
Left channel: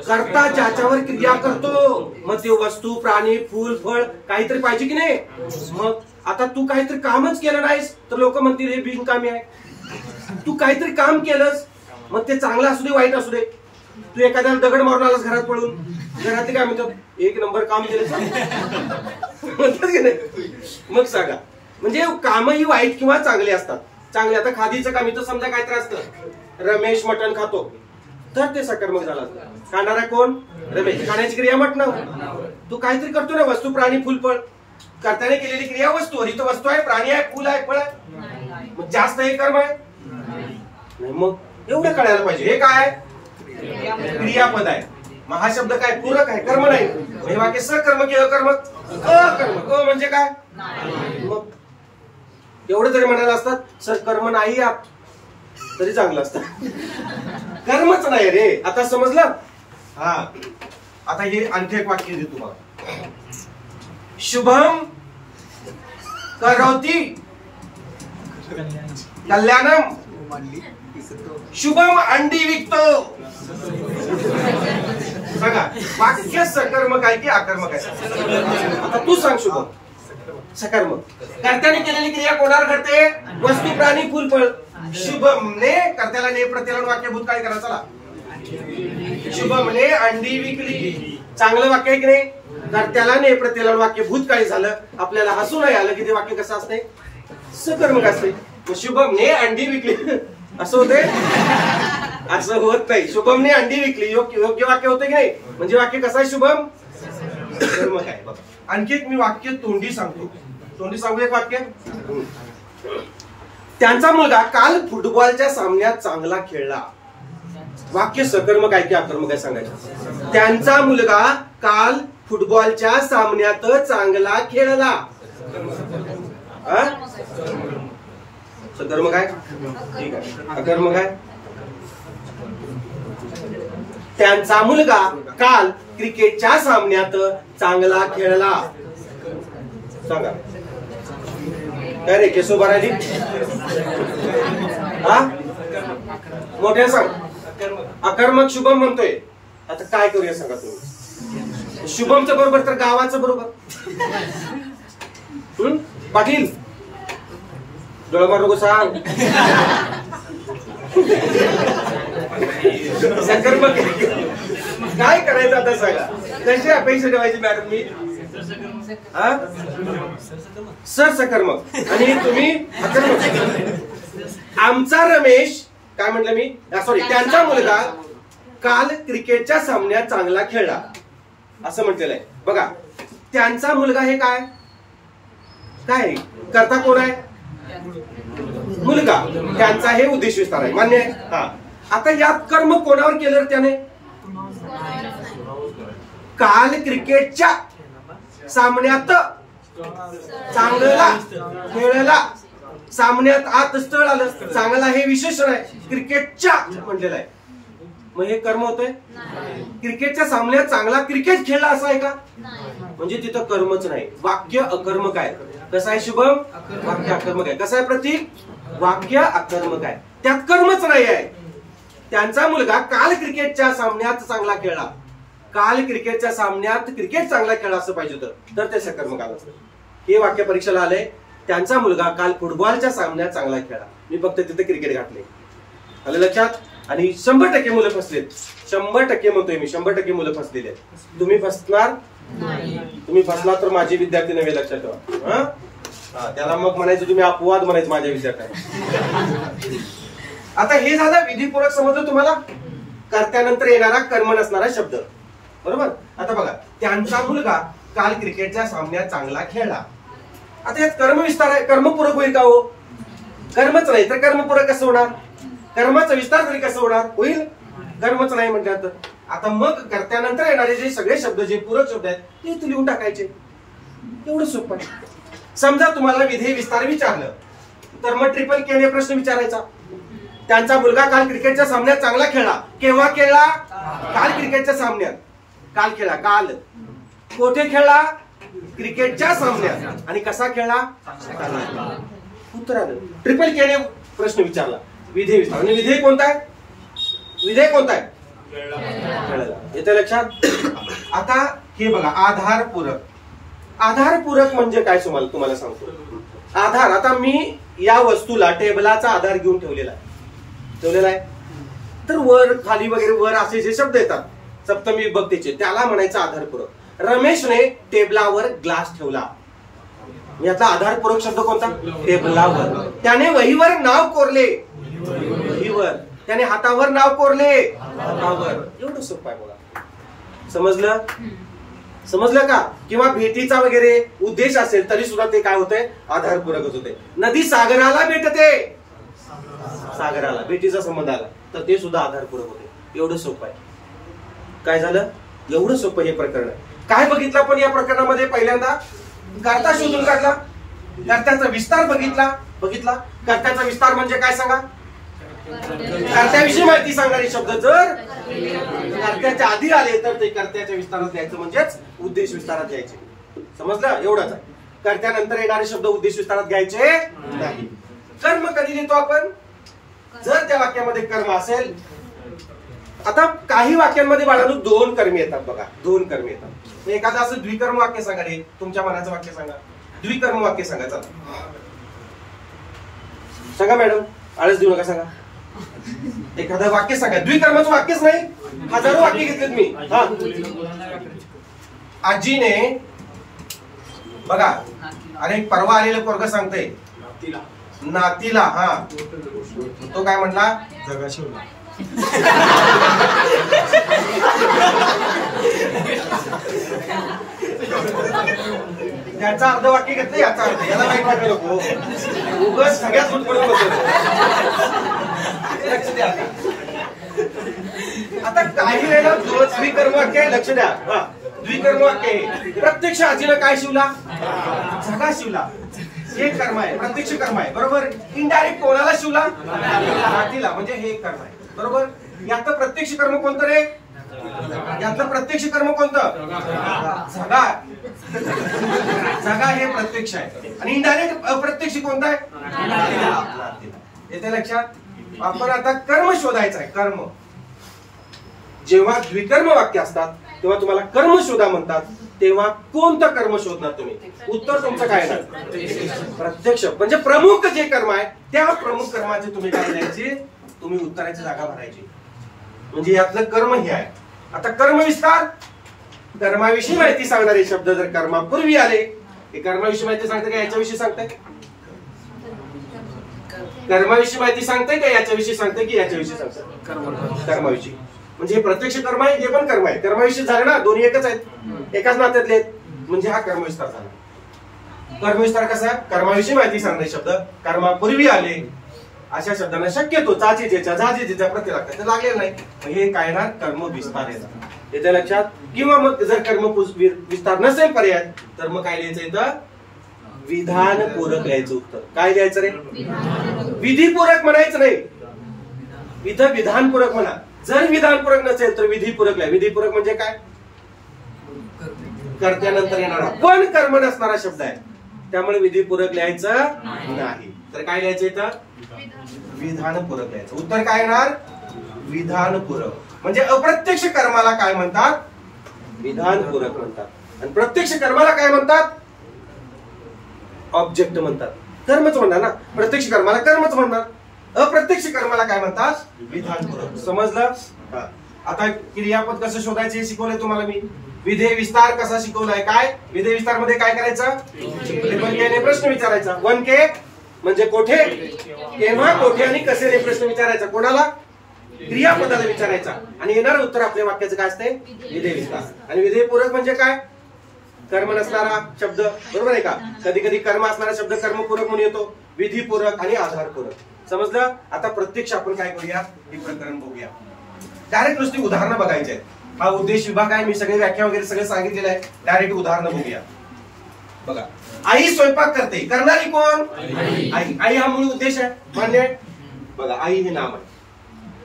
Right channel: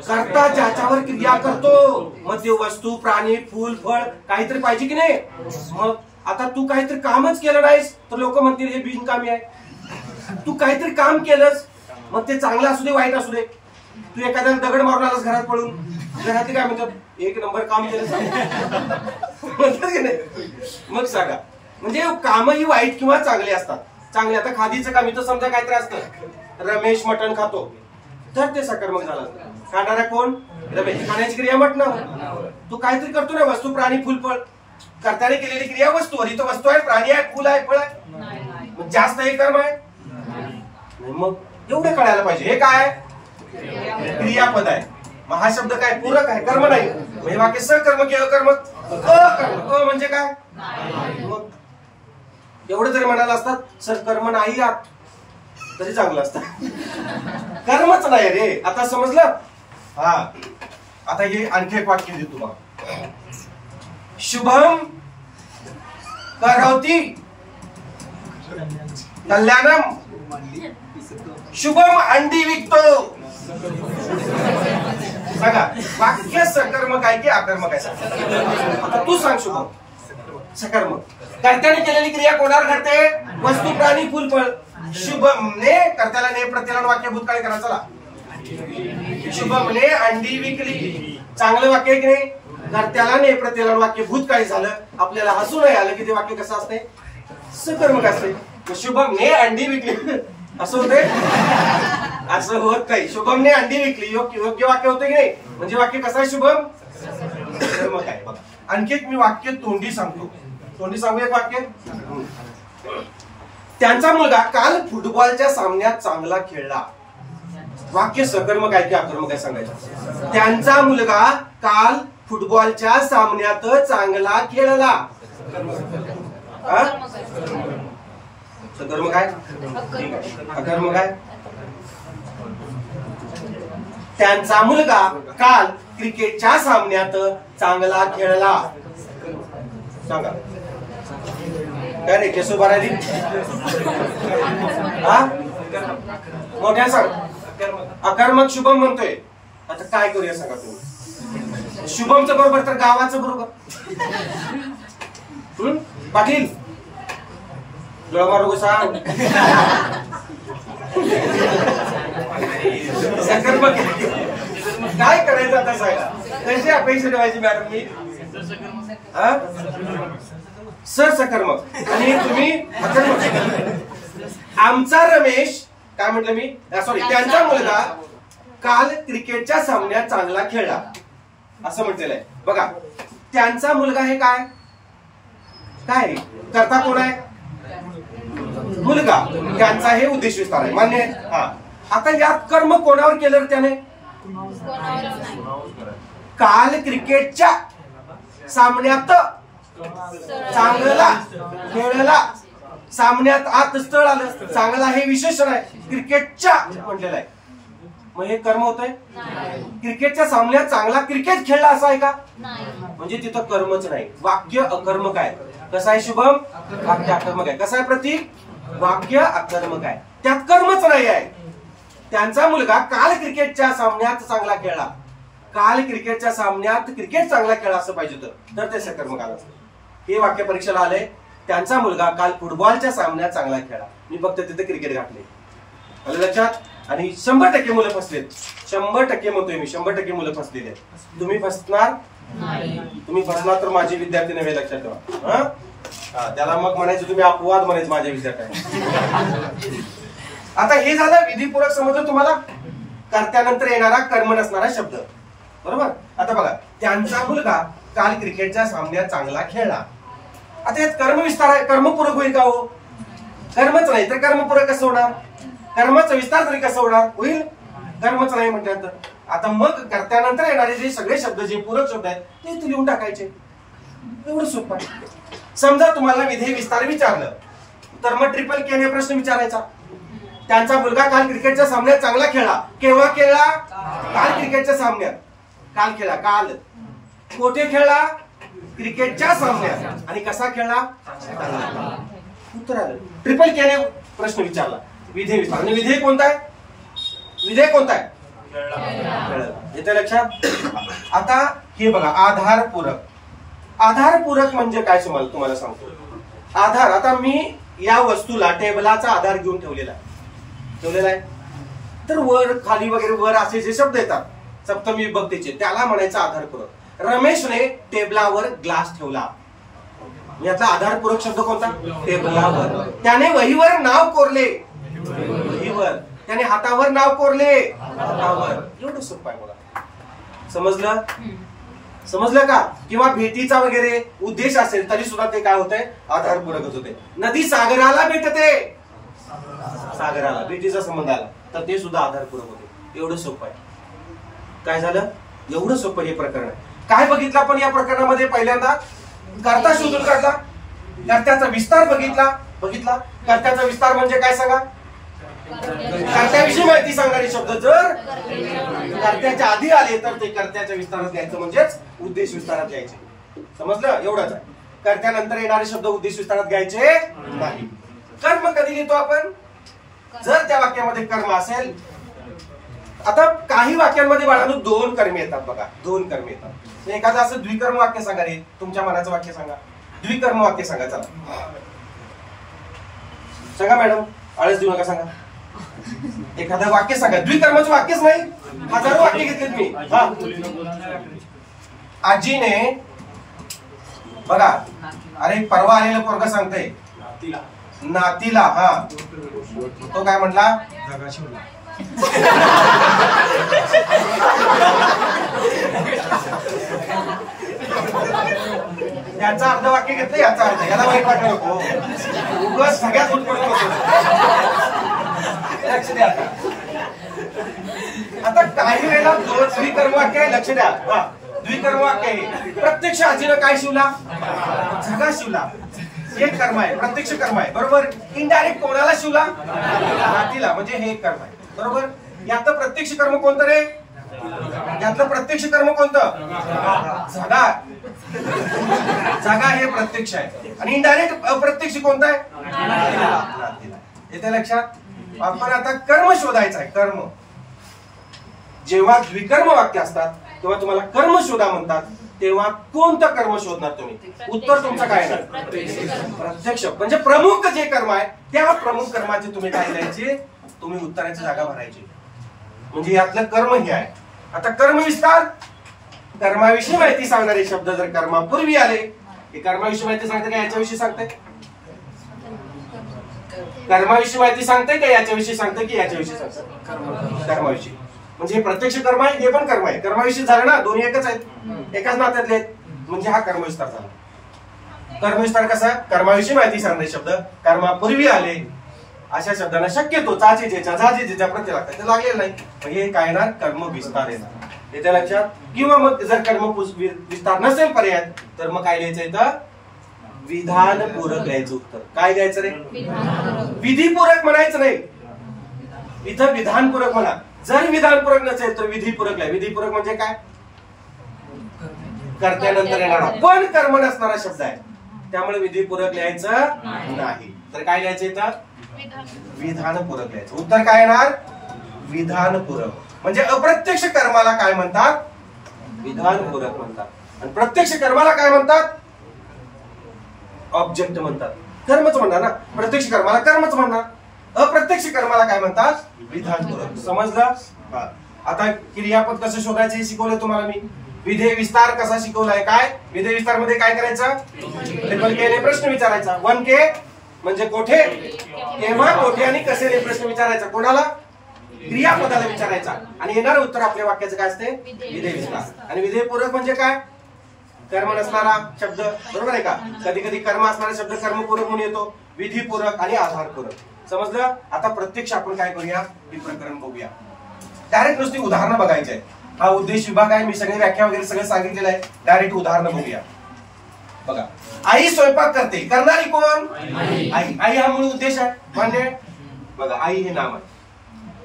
करता ज्याच्यावर क्रिया करतो. मग ते वस्तू, प्राणी, फूल, फळ काहीतरी पाहिजे की नाही? मग आता तू काहीतरी कामच केलं नाहीस तर लोक म्हणतील हे बिनकामी आहे. तू काहीतरी काम केलंस, मग ते चांगलं असू दे वाईट असू दे. तू एखाद्याला दगड मारून आलास घरात पडून, घरातले काय म्हणतात? एक नंबर काम केलं म्हणतात की नाही? मग सांगा, म्हणजे कामही वाईट किंवा चांगले असतात. चांगले, आता खादीचं काम इथं समजा काहीतरी असतं, रमेश मटण खातो तर ते सकर्मक झालं. खाणारा कोण? रमेश. खाण्याची क्रिया मटण. तू काहीतरी करतो ना, वस्तू, प्राणी, फुल, फळ. करताना केलेली क्रिया वस्तू. इथं वस्तू आहे, प्राणी आहे, फुल आहे, फळ आहे. मग जास्त हे कर्म आहे नाही. मग एवढं कळायला पाहिजे हे काय क्रियापद आहे. मग हा शब्द काय? पूरक आहे, कर्म नाही. हे वाक्य सकर्म की अकर्मक? अकर्मक. म्हणजे काय? मग एवढं जरी म्हणायला असतात सर कर्म नाही आत तरी चांगलं असतं. कर्मच नाही रे. आता समजलं? हा. आता हे आणखी एक वाक्य देतो बघा. शुभम करोति कल्याणम. शुभम अंडी विकतो. सांगा वाक्य सकर्मक आहे की आकर्मक आहे? आता तू सांग. शुभम सकर्मक. कर्त्याने केलेली क्रिया कोणावर घडते? वस्तू, प्राणी, फुल, फळ. शुभमने कर्त्याला ने प्रत्येला वाक्य भूतकाळी करा. चला. शुभमने अंडी विकली. चांगलं वाक्य आहे की नाही? कर्त्याला ने प्रत्येला वाक्य भूतकाळी झालं. आपल्याला हसू नाही आलं की ते वाक्य कसं असते? सकर्मक असते. शुभमने अंडी विकली असं होते? असं होत नाही. शुभमने अंडी विकली योग्य वाक्य होते की नाही? म्हणजे वाक्य कसं आहे? शुभम सकर्मक आहे. बघा आणखी एक मी वाक्य तोंडी सांगतो. तोंडी सांगू एक वाक्य. त्यांचा मुलगा काल फुटबॉलच्या सामन्यात चांगला खेळला. वाक्य सकर्मक आहे की आकर्मक आहे सांगायचं? त्यांचा मुलगा काल फुटबॉलच्या सामन्यात चांगला खेळला. सकर्मक आहे? ठीक आहे. अकर्मक आहे? त्यांचा मुलगा काल क्रिकेटच्या सामन्यात चांगला खेळला. सांगा काय रे केसो बाराजी? हा मोठ्या सांग. अकर्मक शुभम म्हणतोय. आता काय करूया सांगा तुम्ही? शुभमचं बरोबर तर गावाचं बरोबर? पाटील डोळा मारू सांग. सकर्मक काय करायचं आता सांगा? कशी अपेक्षा ठेवायची मॅडम मी? सर सकर्मक आणि तुम्ही अकर्मक. आमचा रमेश काय म्हटलं मी? सॉरी, त्यांचा मुलगा काल क्रिकेटच्या सामन्यात चांगला खेळला असं म्हटलेलं आहे. बघा त्यांचा मुलगा हे काय काय करता कोण आहे? मुलगा. त्यांचा हे उद्देश विस्तार आहे. मान्य आहे? हा. आता यात कर्म कोणावर केलं त्याने? काल क्रिकेटच्या सामन्यात चांगला खेळला. सामन्यात आत स्थळ आलं. चांगला हे विशेषण आहे. क्रिकेटच्या म्हटलेलं आहे. मग हे कर्म होतंय? क्रिकेटच्या सामन्यात चांगला क्रिकेट खेळला असं आहे का? म्हणजे तिथं कर्मच नाही. वाक्य अकर्मक आहे. कसं आहे शुभम? वाक्य अकर्मक आहे. कसं आहे प्रतीक? वाक्य अकर्मक आहे. त्यात कर्मच नाही आहे. त्यांचा मुलगा काल क्रिकेटच्या सामन्यात चांगला खेळला. काल क्रिकेटच्या सामन्यात क्रिकेट चांगला खेळला असं पाहिजे तर ते सकर्मक आलं. हे वाक्य परीक्षेला आलंय. त्यांचा मुलगा काल फुटबॉलच्या सामन्यात चांगला खेळला. मी फक्त तिथे क्रिकेट घातले. आलं लक्षात? आणि 100% मुलं फसलेत. 100% म्हणतोय मी, 100% मुलं फसलेली आहेत. तुम्ही फसणार? तुम्ही फसला तर माझे विद्यार्थी नव्हे, लक्षात ठेवा. त्याला मग म्हणायचं तुम्ही अपवाद म्हणायचं माझ्या विद्यार्थ्यांना. आता हे झालं विधीपूरक. समजलं तुम्हाला? कर्त्यानंतर येणारा कर्म नसणारा शब्द. बरोबर. आता बघा, त्यांचा मुलगा काल क्रिकेटच्या सामन्यात चांगला खेळला. आता यात कर्म विस्तार आहे. कर्मपूरक होईल का हो? कर्मच नाही तर कर्मपूरक कसं होणार? कर्माचा विस्तार तरी कसा होणार? होईल? कर्मच नाही म्हणतात. आता मग कर्त्यानंतर येणारे जे सगळे शब्द, जे पूरक शब्द आहेत ते इथे लिहून टाकायचे. एवढं सोपं आहे. समजा तुम्हाला विधेय विस्तार विचारलं तर मग ट्रिपल के ने प्रश्न विचारायचा. त्यांचा मुलगा काल क्रिकेटच्या सामन्यात चांगला खेळला. केव्हा खेळला? काल क्रिकेटच्या सामन्यात. काल खेळला. काल कोठे खेळला? क्रिकेटच्या सामन्यात. आणि कसा खेळला? उत्तर आलं. ट्रिपल के ने प्रश्न विचारला. विधेय विस्तार. आणि विधेय कोणता आहे? विधेय कोणता आहे? येते लक्षात? आता हे बघा, आधारपूरक. आधारपूरक म्हणजे काय तुम्हाला सांगतो. आधार, आता मी या वस्तूला टेबलाचा आधार घेऊन ठेवलेला आहे. तर वर खाली वगैरे वर असे जे शब्द येतात सप्तमी विभक्तीचे, त्याला म्हणायचं आधारपूरक. रमेशने टेबलावर ग्लास ठेवला. याचा आधारपूरक शब्द कोणता? टेबलावर. त्याने वहीवर नाव कोरले. वहीवर. त्याने हातावर नाव कोरले. हातावर. एवढं सोपं आहे. बोला, समजलं? समजलं का? किंवा भेटीचा वगैरे उद्देश असेल तरी सुद्धा ते काय होते? आधारपूरकच होते. नदी सागराला भेटते. सागराला भेटीचा संबंध आला तर ते सुद्धा आधारपूरक होते. एवढं सोपं आहे. काय झालं? एवढं सोपं हे प्रकरण आहे. काय बघितलं पण या प्रकरणामध्ये? पहिल्यांदा कर्ता शोधून काढला. कर्त्याचा विस्तार बघितला. कर्त्याचा विस्तार म्हणजे काय सांगा? कर्त्याविषयी माहिती सांगणारे शब्द जर कर्त्याच्या आधी आले तर ते कर्त्याच्या विस्तारात लिहायचं, म्हणजेच उद्देश विस्तारात लिहायचे. समजलं? एवढंच आहे. कर्त्यानंतर येणारे शब्द उद्देश विस्तारात घ्यायचे नाही. कर्म कधी लिहितो आपण? जर त्या वाक्यामध्ये कर्म असेल. आता काही वाक्यांमध्ये बाळांनो 2 कर्मे येतात. बघा, 2 कर्मे येतात. एखादं असं द्विकर्म वाक्य सांगा रे. तुमच्या मनाचं वाक्य सांगा. द्विकर्म वाक्य सांगा. चला सांगा मॅडम, आळस देऊ नका, सांगा एखादं वाक्य सांगा. द्विकर्माचं वाक्यच नाही, हजारो वाक्य घेतलेत मी. आजीने बघा, अरे परवा आलेलं पोरगा सांगते नातीला, तो काय म्हणला? जगा शिवला. त्याचा अर्ध वाक्य घेतलं, याचा अर्थ. याला माहित वाटलं नको. उगाच सगळ्यात फुटफुटून बसवतो. लक्ष द्या. आता काही वेळेला द्विकर्म वाक्य आहे. लक्ष द्या. द्विकर्म वाक्य आहे. प्रत्यक्ष आजीनं काय शिवला? झगा शिवला. एक कर्म आहे, प्रत्यक्ष कर्म आहे. बरोबर. इनडायरेक्ट कोणाला शिवला? हातीला. म्हणजे हे एक कर्म आहे. बरोबर. यातलं प्रत्यक्ष कर्म कोणतं रे? यातलं प्रत्यक्ष कर्म कोणतं? झगा. झगा हे प्रत्यक्ष आहे. आणि इनडायरेक्ट अप्रत्यक्ष कोणतं आहे? येते लक्षात? आपण आता कर्म शोधायचं आहे. कर्म. जेव्हा द्विकर्म वाक्य असतात तेव्हा तुम्हाला कर्म शोधा म्हणतात, तेव्हा कोणतं कर्म शोधणार तुम्ही? उत्तर तुमचं काय आहे? प्रत्यक्ष. म्हणजे प्रमुख जे कर्म आहे त्या प्रमुख कर्माचे तुम्ही काय करायचे? तुम्ही उत्तराची जागा भरायची. म्हणजे यातलं कर्म हे आहे. आता कर्म विस्तार. कर्माविषयी माहिती सांगणारे शब्द जर कर्मापूर्वी आले, हे कर्माविषयी माहिती सांगते का याच्याविषयी सांगते? कर्माविषयी माहिती सांगते का याच्याविषयी सांगते की याच्याविषयी सांगते? कर्माविषयी. म्हणजे हे प्रत्यक्ष कर्म आहे, हे पण कर्म आहे. कर्माविषयी झालं ना, दोन्ही एकच आहेत, एकाच नात्यातले आहेत. म्हणजे हा कर्मविस्तार झाला. कर्मविस्तार कसा? कर्माविषयी माहिती सांगणारे शब्द कर्मापूर्वी आले अशा शब्दांना शक्यतो चाचीजेच्या झाजीजेच्या प्रत्यय लागतात, लागलेलं नाही. हे काय येणार? कर्म विस्तार येणार. येत्या लक्षात? किंवा मग जर कर्म विस्तार नसेल पर्याय तर मग काय लिहायचं इथं? विधानपूरक लिहायचं. उत्तर काय द्यायचं रे? विधीपूरक म्हणायचं नाही, इथं विधानपूरक म्हणा. जर विधानपूरक नसेल तर विधीपूरक लिहा. विधीपूरक म्हणजे काय? कर्त्यानंतर येणारा पण कर्म नसणारा शब्द आहे, त्यामुळे विधीपूरक लिहायचं नाही. तर काय लिहायचं इथं? विधानपूरक लिहायचं. उत्तर काय येणार? विधानपूरक. म्हणजे अप्रत्यक्ष कर्माला काय म्हणतात? विधानपूरक म्हणतात. आणि प्रत्यक्ष कर्माला काय म्हणतात? ऑब्जेक्ट म्हणतात. कर्मच म्हणणार ना, प्रत्यक्ष कर्माला कर्मच म्हणणार. अप्रत्यक्ष कर्माला काय म्हणतात? विधानपूरक. समजलं? हा. आता क्रियापद कसं शोधायचे हे शिकवलंय तुम्हाला मी. विधेय विस्तार कसा शिकवलाय? काय विधेय विस्तार मध्ये काय करायचं? ट्रिपल के ने प्रश्न विचारायचा. 1K म्हणजे कोठे, केव्हा, कोठे आणि कसे ने प्रश्न विचारायचा. कोणाला? क्रियापदाला विचारायचा. आणि येणारं उत्तर आपल्या वाक्याचं काय असते? विधेय विस्तार. आणि विधेय पूरक म्हणजे काय? कर्म नसणारा शब्द, बरोबर आहे का? कधी कधी कर्म असणारा शब्द कर्मपूरक म्हणून येतो. विधीपूरक आणि आधारपूरक. समजलं? आता प्रत्यक्ष आपण काय करूया हे प्रकरण बघूया. डायरेक्ट नुसती उदाहरणं बघायची आहेत. हा उद्देश विभाग आहे. मी सगळी व्याख्या वगैरे सगळं सांगितलेलं आहे. डायरेक्ट उदाहरणं बघूया. बघा, आई स्वयंपाक करते. करणारी कोण? आई. आई हा मूळ उद्देश आहे. मान्य? बघा, आई हे नाम आहे.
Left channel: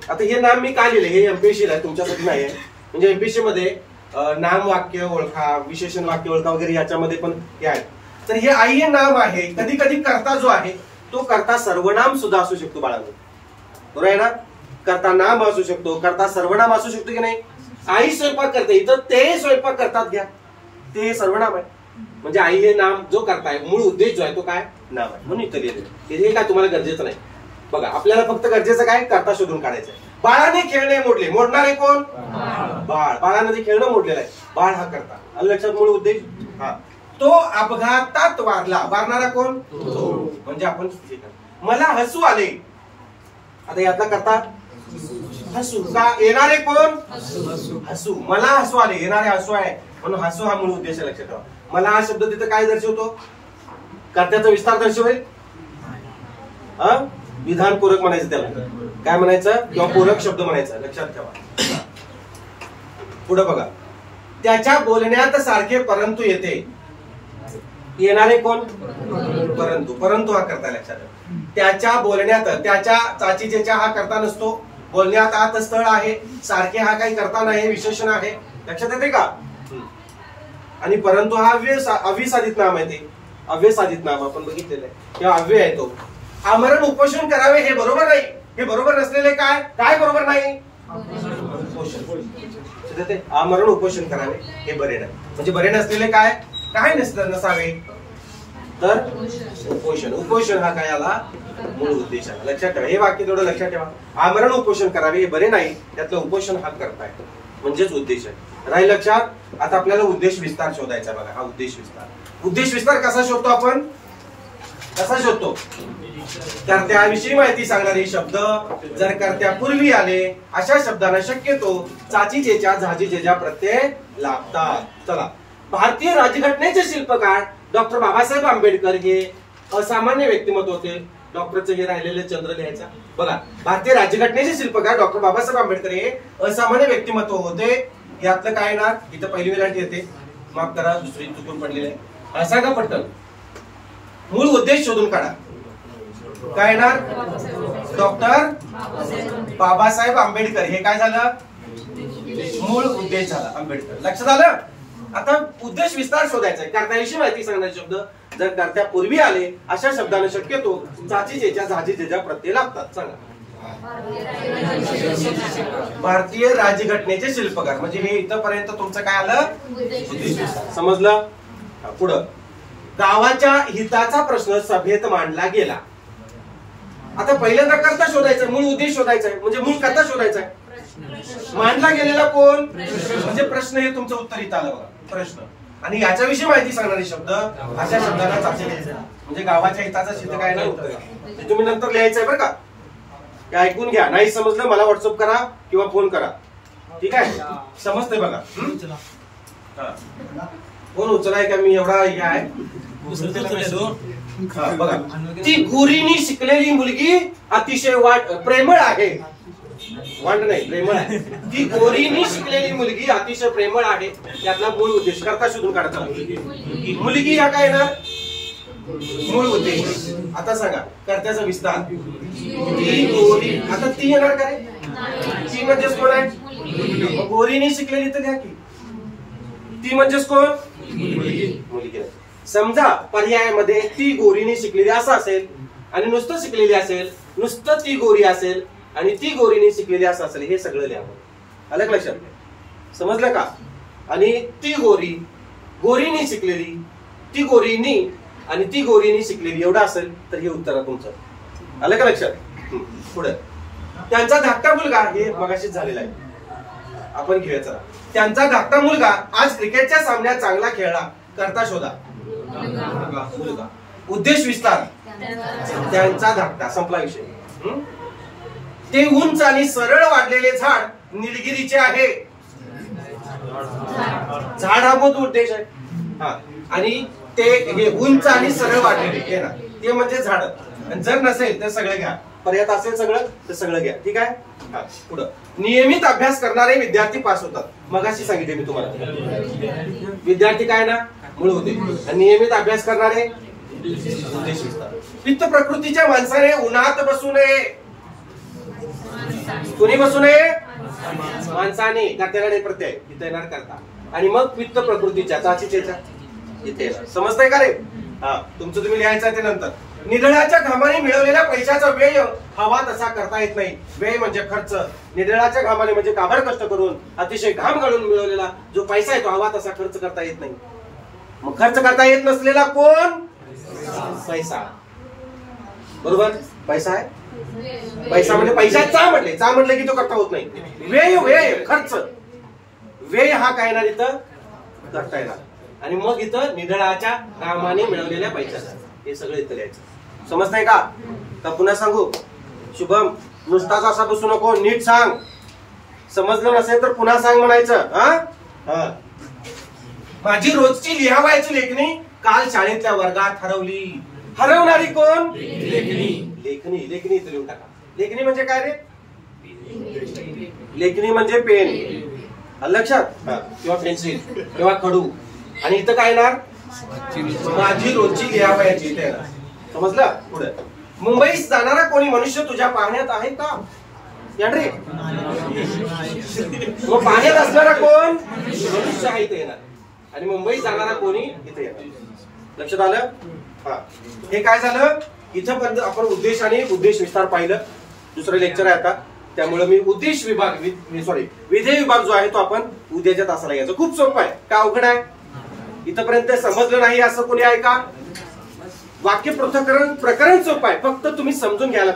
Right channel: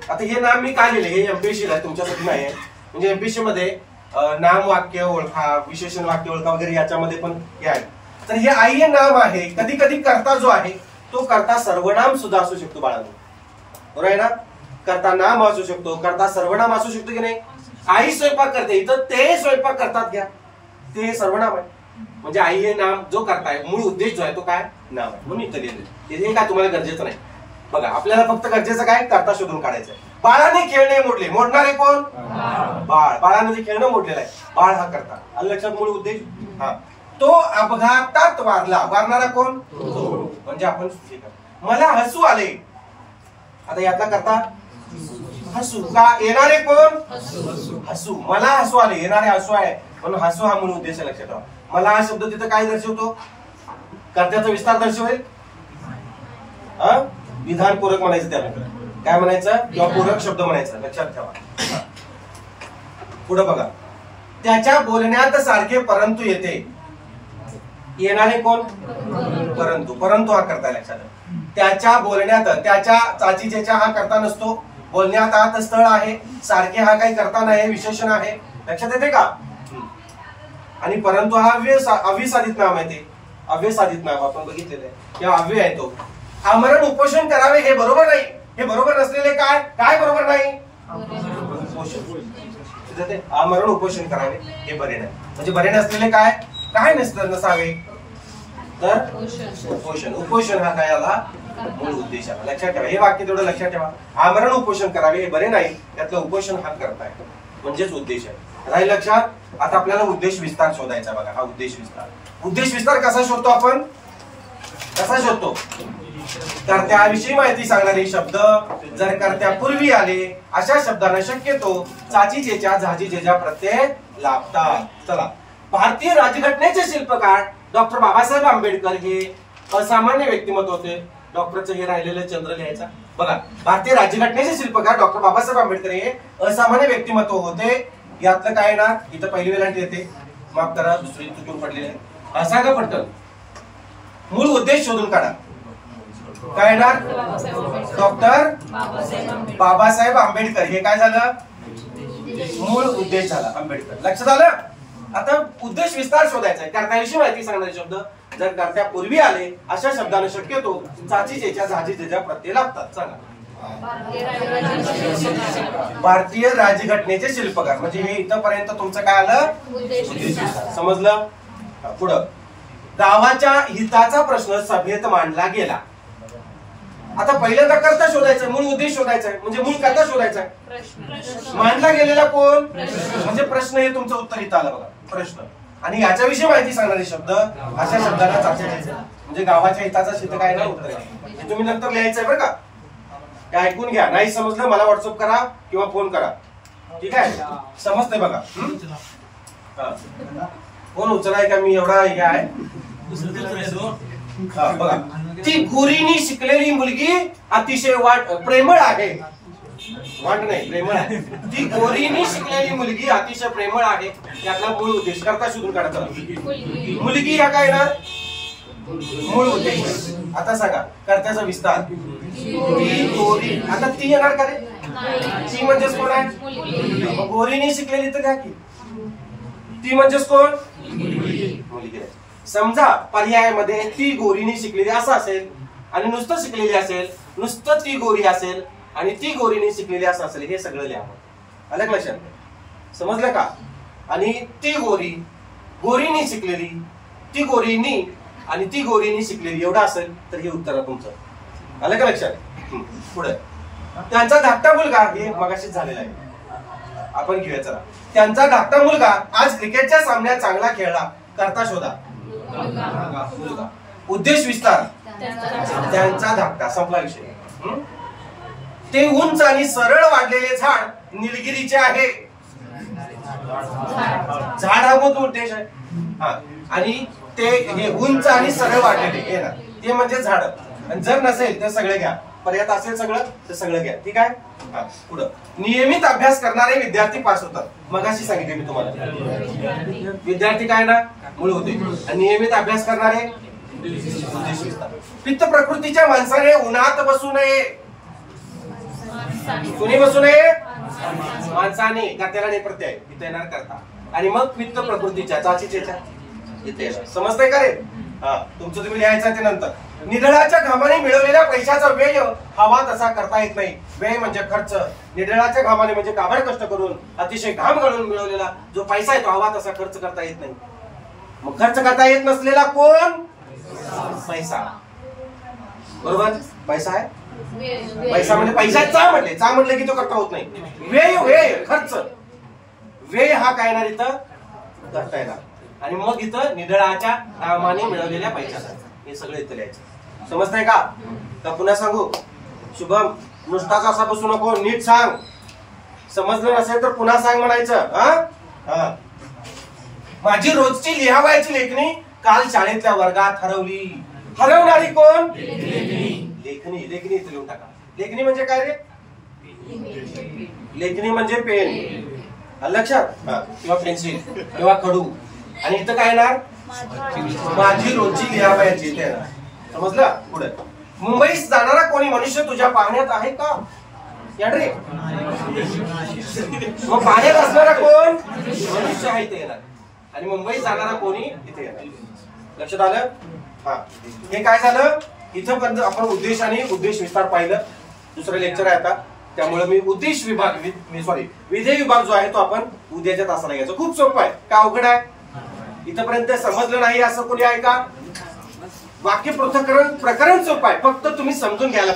आता हे नाम मी काय लिहिले? हे एमपीएससी आहे, तुमच्यासाठी नाही आहे. म्हणजे एमपीएससी मध्ये नाम वाक्य ओळखा, विशेषण वाक्य ओळखा वगैरे याच्यामध्ये पण हे आहे. तर हे आई हे नाम आहे. कधी कधी कर्ता जो आहे तो कर्ता सर्वनाम सुद्धा असू शकतो बाळांनो. बरोबर आहे ना? कर्ता नाम असू शकतो, कर्ता सर्वनाम असू शकतो की नाही? आई स्वयंपाक करते, इथं ते स्वयंपाक करतात घ्या, ते सर्वनाम आहे. म्हणजे आई हे नाम जो करता आहे, मूळ उद्देश जो आहे तो काय? नाम आहे. म्हणून इथं लिहिलेलं. हे काय तुम्हाला गरजेचं नाही. बघा, आपल्याला फक्त गरजेचं काय? कर्ता शोधून काढायचं आहे. बाळाने खेळणे मोडले. मोडणारे कोण? बाळ. बाळाने खेळणं मोडलेलं आहे. बाळ हा करता. आलं लक्षात? मूळ उद्देश. हा. तो अपघातात वारला. वारणारा कोण? म्हणजे आपण. मला हसू आले. आता यातला करता हसू. का? येणारे कोण? हसू. मला हसू आले. येणारे हसू आहे म्हणून हसू हा मूळ उद्देश आहे. लक्षात ठेवा. मला हा शब्द तिथं काय दर्शवतो? कर्त्याचा विस्तार दर्शवेल. विधान पूरक म्हणायचं त्याला. काय म्हणायचं? किंवा पूरक शब्द म्हणायचा. लक्षात ठेवा. पुढे बघा, त्याच्या बोलण्यात सारखे परंतु येते. येणारे कोण? परंतु. परंतु हा करता. लक्षात ठेवा. त्याच्या बोलण्यात, त्याच्या चाचीचेच्या हा करता नसतो. बोलण्यात आत स्थळ आहे. सारखे हा काही करता नाही, विशेषण आहे. लक्षात येते का? आणि परंतु हा अव्यसाधित नाम आहे. ते अव्यसाधित नाम आपण बघितलेलं आहे किंवा अव्यय आहे तो. आमरण उपोषण करावे हे बरोबर नाही. हे बरोबर नसलेले काय? काय बरोबर नाही? आमरण उपोषण करावे हे बरे नाही. म्हणजे बरे नसलेले काय? काय नसावे? तर उपोषण. उपोषण हा काय आला? मूळ उद्देश आला. लक्षात ठेवा. हे वाक्य थोडं लक्षात ठेवा. आमरण उपोषण करावे हे बरे नाही. त्यातलं उपोषण हा करताय म्हणजेच उद्देश आहे. राहील लक्षात? आता आपल्याला उद्देश विस्तार शोधायचा. बघा, हा उद्देश विस्तार. उद्देश विस्तार कसा शोधतो आपण? कसा शोधतो? कर्त्याविषयी माहिती सांगणारे शब्द जर कर्त्यापूर्वी आले अशा शब्दांना शक्यतो चाचीचेच्या झाजीचेच्या प्रत्यय लागतात. चला, भारतीय राज्यघटनेचे शिल्पकार डॉक्टर बाबासाहेब आंबेडकर हे असामान्य व्यक्तिमत्व होते. डॉक्टरचं हे राहिलेलं चंद्र लिहायचा. बघा, भारतीय राज्यघटनेचे शिल्पकार डॉक्टर बाबासाहेब आंबेडकर हे असामान्य व्यक्तिमत्व होते. यातलं काय ना? इथं पहिली वेळांटी येते. माफ करा, दुसरी चुकून पडलेली आहे. असा का पडतं? मूळ उद्देश शोधून काढा. काय येणार? डॉक्टर बाबासाहेब आंबेडकर. हे काय झालं? मूळ उद्देश झाला आंबेडकर. लक्षात आलं? आता उद्देश विस्तार शोधायचा आहे. कर्त्याविषयी माहिती सांगणारे शब्द जर कर्त्यापूर्वी आले अशा शब्दांना शक्यतो चाचीचेच्या झाजीचेच्या प्रत्यय लागतात. सांगा. भारतीय राज्यघटनेचे शिल्पकार. म्हणजे हे इथपर्यंत तुमचं काय आलं? समजलं? पुढं, गावाच्या हिताचा प्रश्न सभेत मांडला गेला. आता पहिल्यांदा कर्ता शोधायचा, मूळ उद्देश शोधायचा आहे. म्हणजे मूळ कर्ता शोधायचा आहे. मांडला गेलेला कोण? म्हणजे प्रश्न. हे तुमचं उत्तर इथं आलं बघा, प्रश्न. आणि याच्याविषयी माहिती सांगणारे शब्द अशा शब्दांना चाचणी द्यायचं. म्हणजे गावाच्या हिताचा शिल्प काय ना उत्तर आहे. तुम्ही नंतर लिहायचंय बरं का. ते ऐकून घ्या. नाही समजलं मला व्हॉट्सअप करा किंवा फोन करा. ठीक आहे? समजतंय बघा. फोन उचलाय का? मी एवढा हे आहे. बघा, ती गोरीनी शिकलेली मुलगी अतिशय प्रेमळ आहे. वाट नाही, प्रेमळ आहे. ती गोरीनी शिकलेली मुलगी अतिशय प्रेमळ आहे. त्यातला मूळ उद्देश करता शोधून काढायचा. मुलगी या काय ना? मूळ उद्देश. आता सांगा कर्त्याचा विस्तार. ती गोरी. आता ती येणार का रे? ती म्हणजेच कोण आहे? गोरीनी शिकलेली तर घ्या की. ती म्हणजेच कोण? मुलगी. समजा पर्यायामध्ये ती गोरीनी शिकलेली असं असेल आणि नुसतं शिकलेली असेल, नुसतं ती गोरी असेल आणि ती गोरीनी शिकलेली असं असेल. हे सगळं लिहावं. आलं लक्षात? समजलं का? आणि ती गोरी, गोरीनी शिकलेली, ती गोरीनी आणि ती गोरीने शिकलेली एवढं असेल तर हे उत्तर आहे तुमचं. आलं का लक्षात? पुढे त्यांचा धाकटा मुलगा, हे मगाशीच झालेला आहे, आपण घेऊया चला. त्यांचा धाकटा मुलगा आज क्रिकेटच्या सामन्यात चांगला खेळला, करता शोधा. मुलगा. उद्देश विस्तार. त्यांचा धाकटा, संपला विषय. ते उंच आणि सरळ वाढलेले झाड निलगिरीचे आहे. झाड हा मोठा उद्देश आहे. हा, आणि ते हे उंच आणि सरळ वाढलेले हे ना, ते म्हणजे झाड. आणि जर नसेल तर सगळं घ्या, पर्यात असेल सगळं तर सगळं घ्या. ठीक आहे. हा, पुढं. नियमित अभ्यास करणारे विद्यार्थी पास होतात. मगाशी सांगितले मी तुम्हाला. विद्यार्थी काय ना, मूळ होते. आणि नियमित अभ्यास करणारे उद्देश विस्तार. पित्त प्रकृतीच्या माणसाने उन्हात बसू नये. कुणी बसू नये? माणसाने. त्याला प्रत्यय इथे येणार करता. आणि मग पित्त प्रकृतीच्या चाचीच्या इथे येणार. समजतंय का रे? हा, तुमचं तुम्ही लिहायचं ते नंतर. निधळाच्या घामाने मिळवलेल्या पैशाचा व्यय हवा तसा करता येत नाही. व्यय म्हणजे खर्च. निधळाच्या घामाने म्हणजे काबड कष्ट करून अतिशय घाम घालून मिळवलेला जो पैसा आहे तो हवा तसा खर्च करता येत नाही. मग खर्च करता येत नसलेला कोण? पैसा. बरोबर. पैसा आहे. पैसा म्हणजे पैशाचा म्हटले, चा म्हटले की तो करता होत नाही. व्यय, व्यय खर्च. व्यय हा काय येणार इथं? करता येणार. आणि मग इथं निधळाच्या घामाने मिळवलेल्या पैशाचा, हे सगळं इथं लिहायचं. समजतंय का? तर पुन्हा सांगू. शुभम, नुसताच असा बसू नको, नीट सांग. समजलं नसेल तर पुन्हा सांग म्हणायचं. हा, माझी रोजची लिहावयाची लेखणी काल शाळेतल्या वर्गात हरवली. हरवणारी कोण? लेखणी. लेखणी, लेखणी इथं लिहून टाका. लेखणी म्हणजे काय रे? लेखणी म्हणजे पेन. लक्षात? किंवा पेन्सिल किंवा खडू. आणि इथं काय येणार? माझी रोजची लिहावयाची. समजलं? पुढे. मुंबईत जाणारा कोणी मनुष्य तुझ्या पाहण्यात आहे का? रे मग पाहण्यात असणारा कोण? मनुष्य आहे इथे येणार. आणि मुंबईत जाणारा कोणी इथे येणार. लक्षात आलं? हा, हे काय झालं? इथं पण आपण उद्देश आणि उद्देश विस्तार पाहिलं. दुसरं लेक्चर आहे आता, त्यामुळे मी उद्देश विभाग विधेय विभाग जो आहे तो आपण उद्याच्या तासाला घ्यायचा. खूप सोपं आहे. का अवघड आहे? इथपर्यंत समजलं नाही असं कोणी आहे का? वाक्य पृथक्करण प्रकरण सोपं आहे, फक्त तुम्ही समजून घ्यायला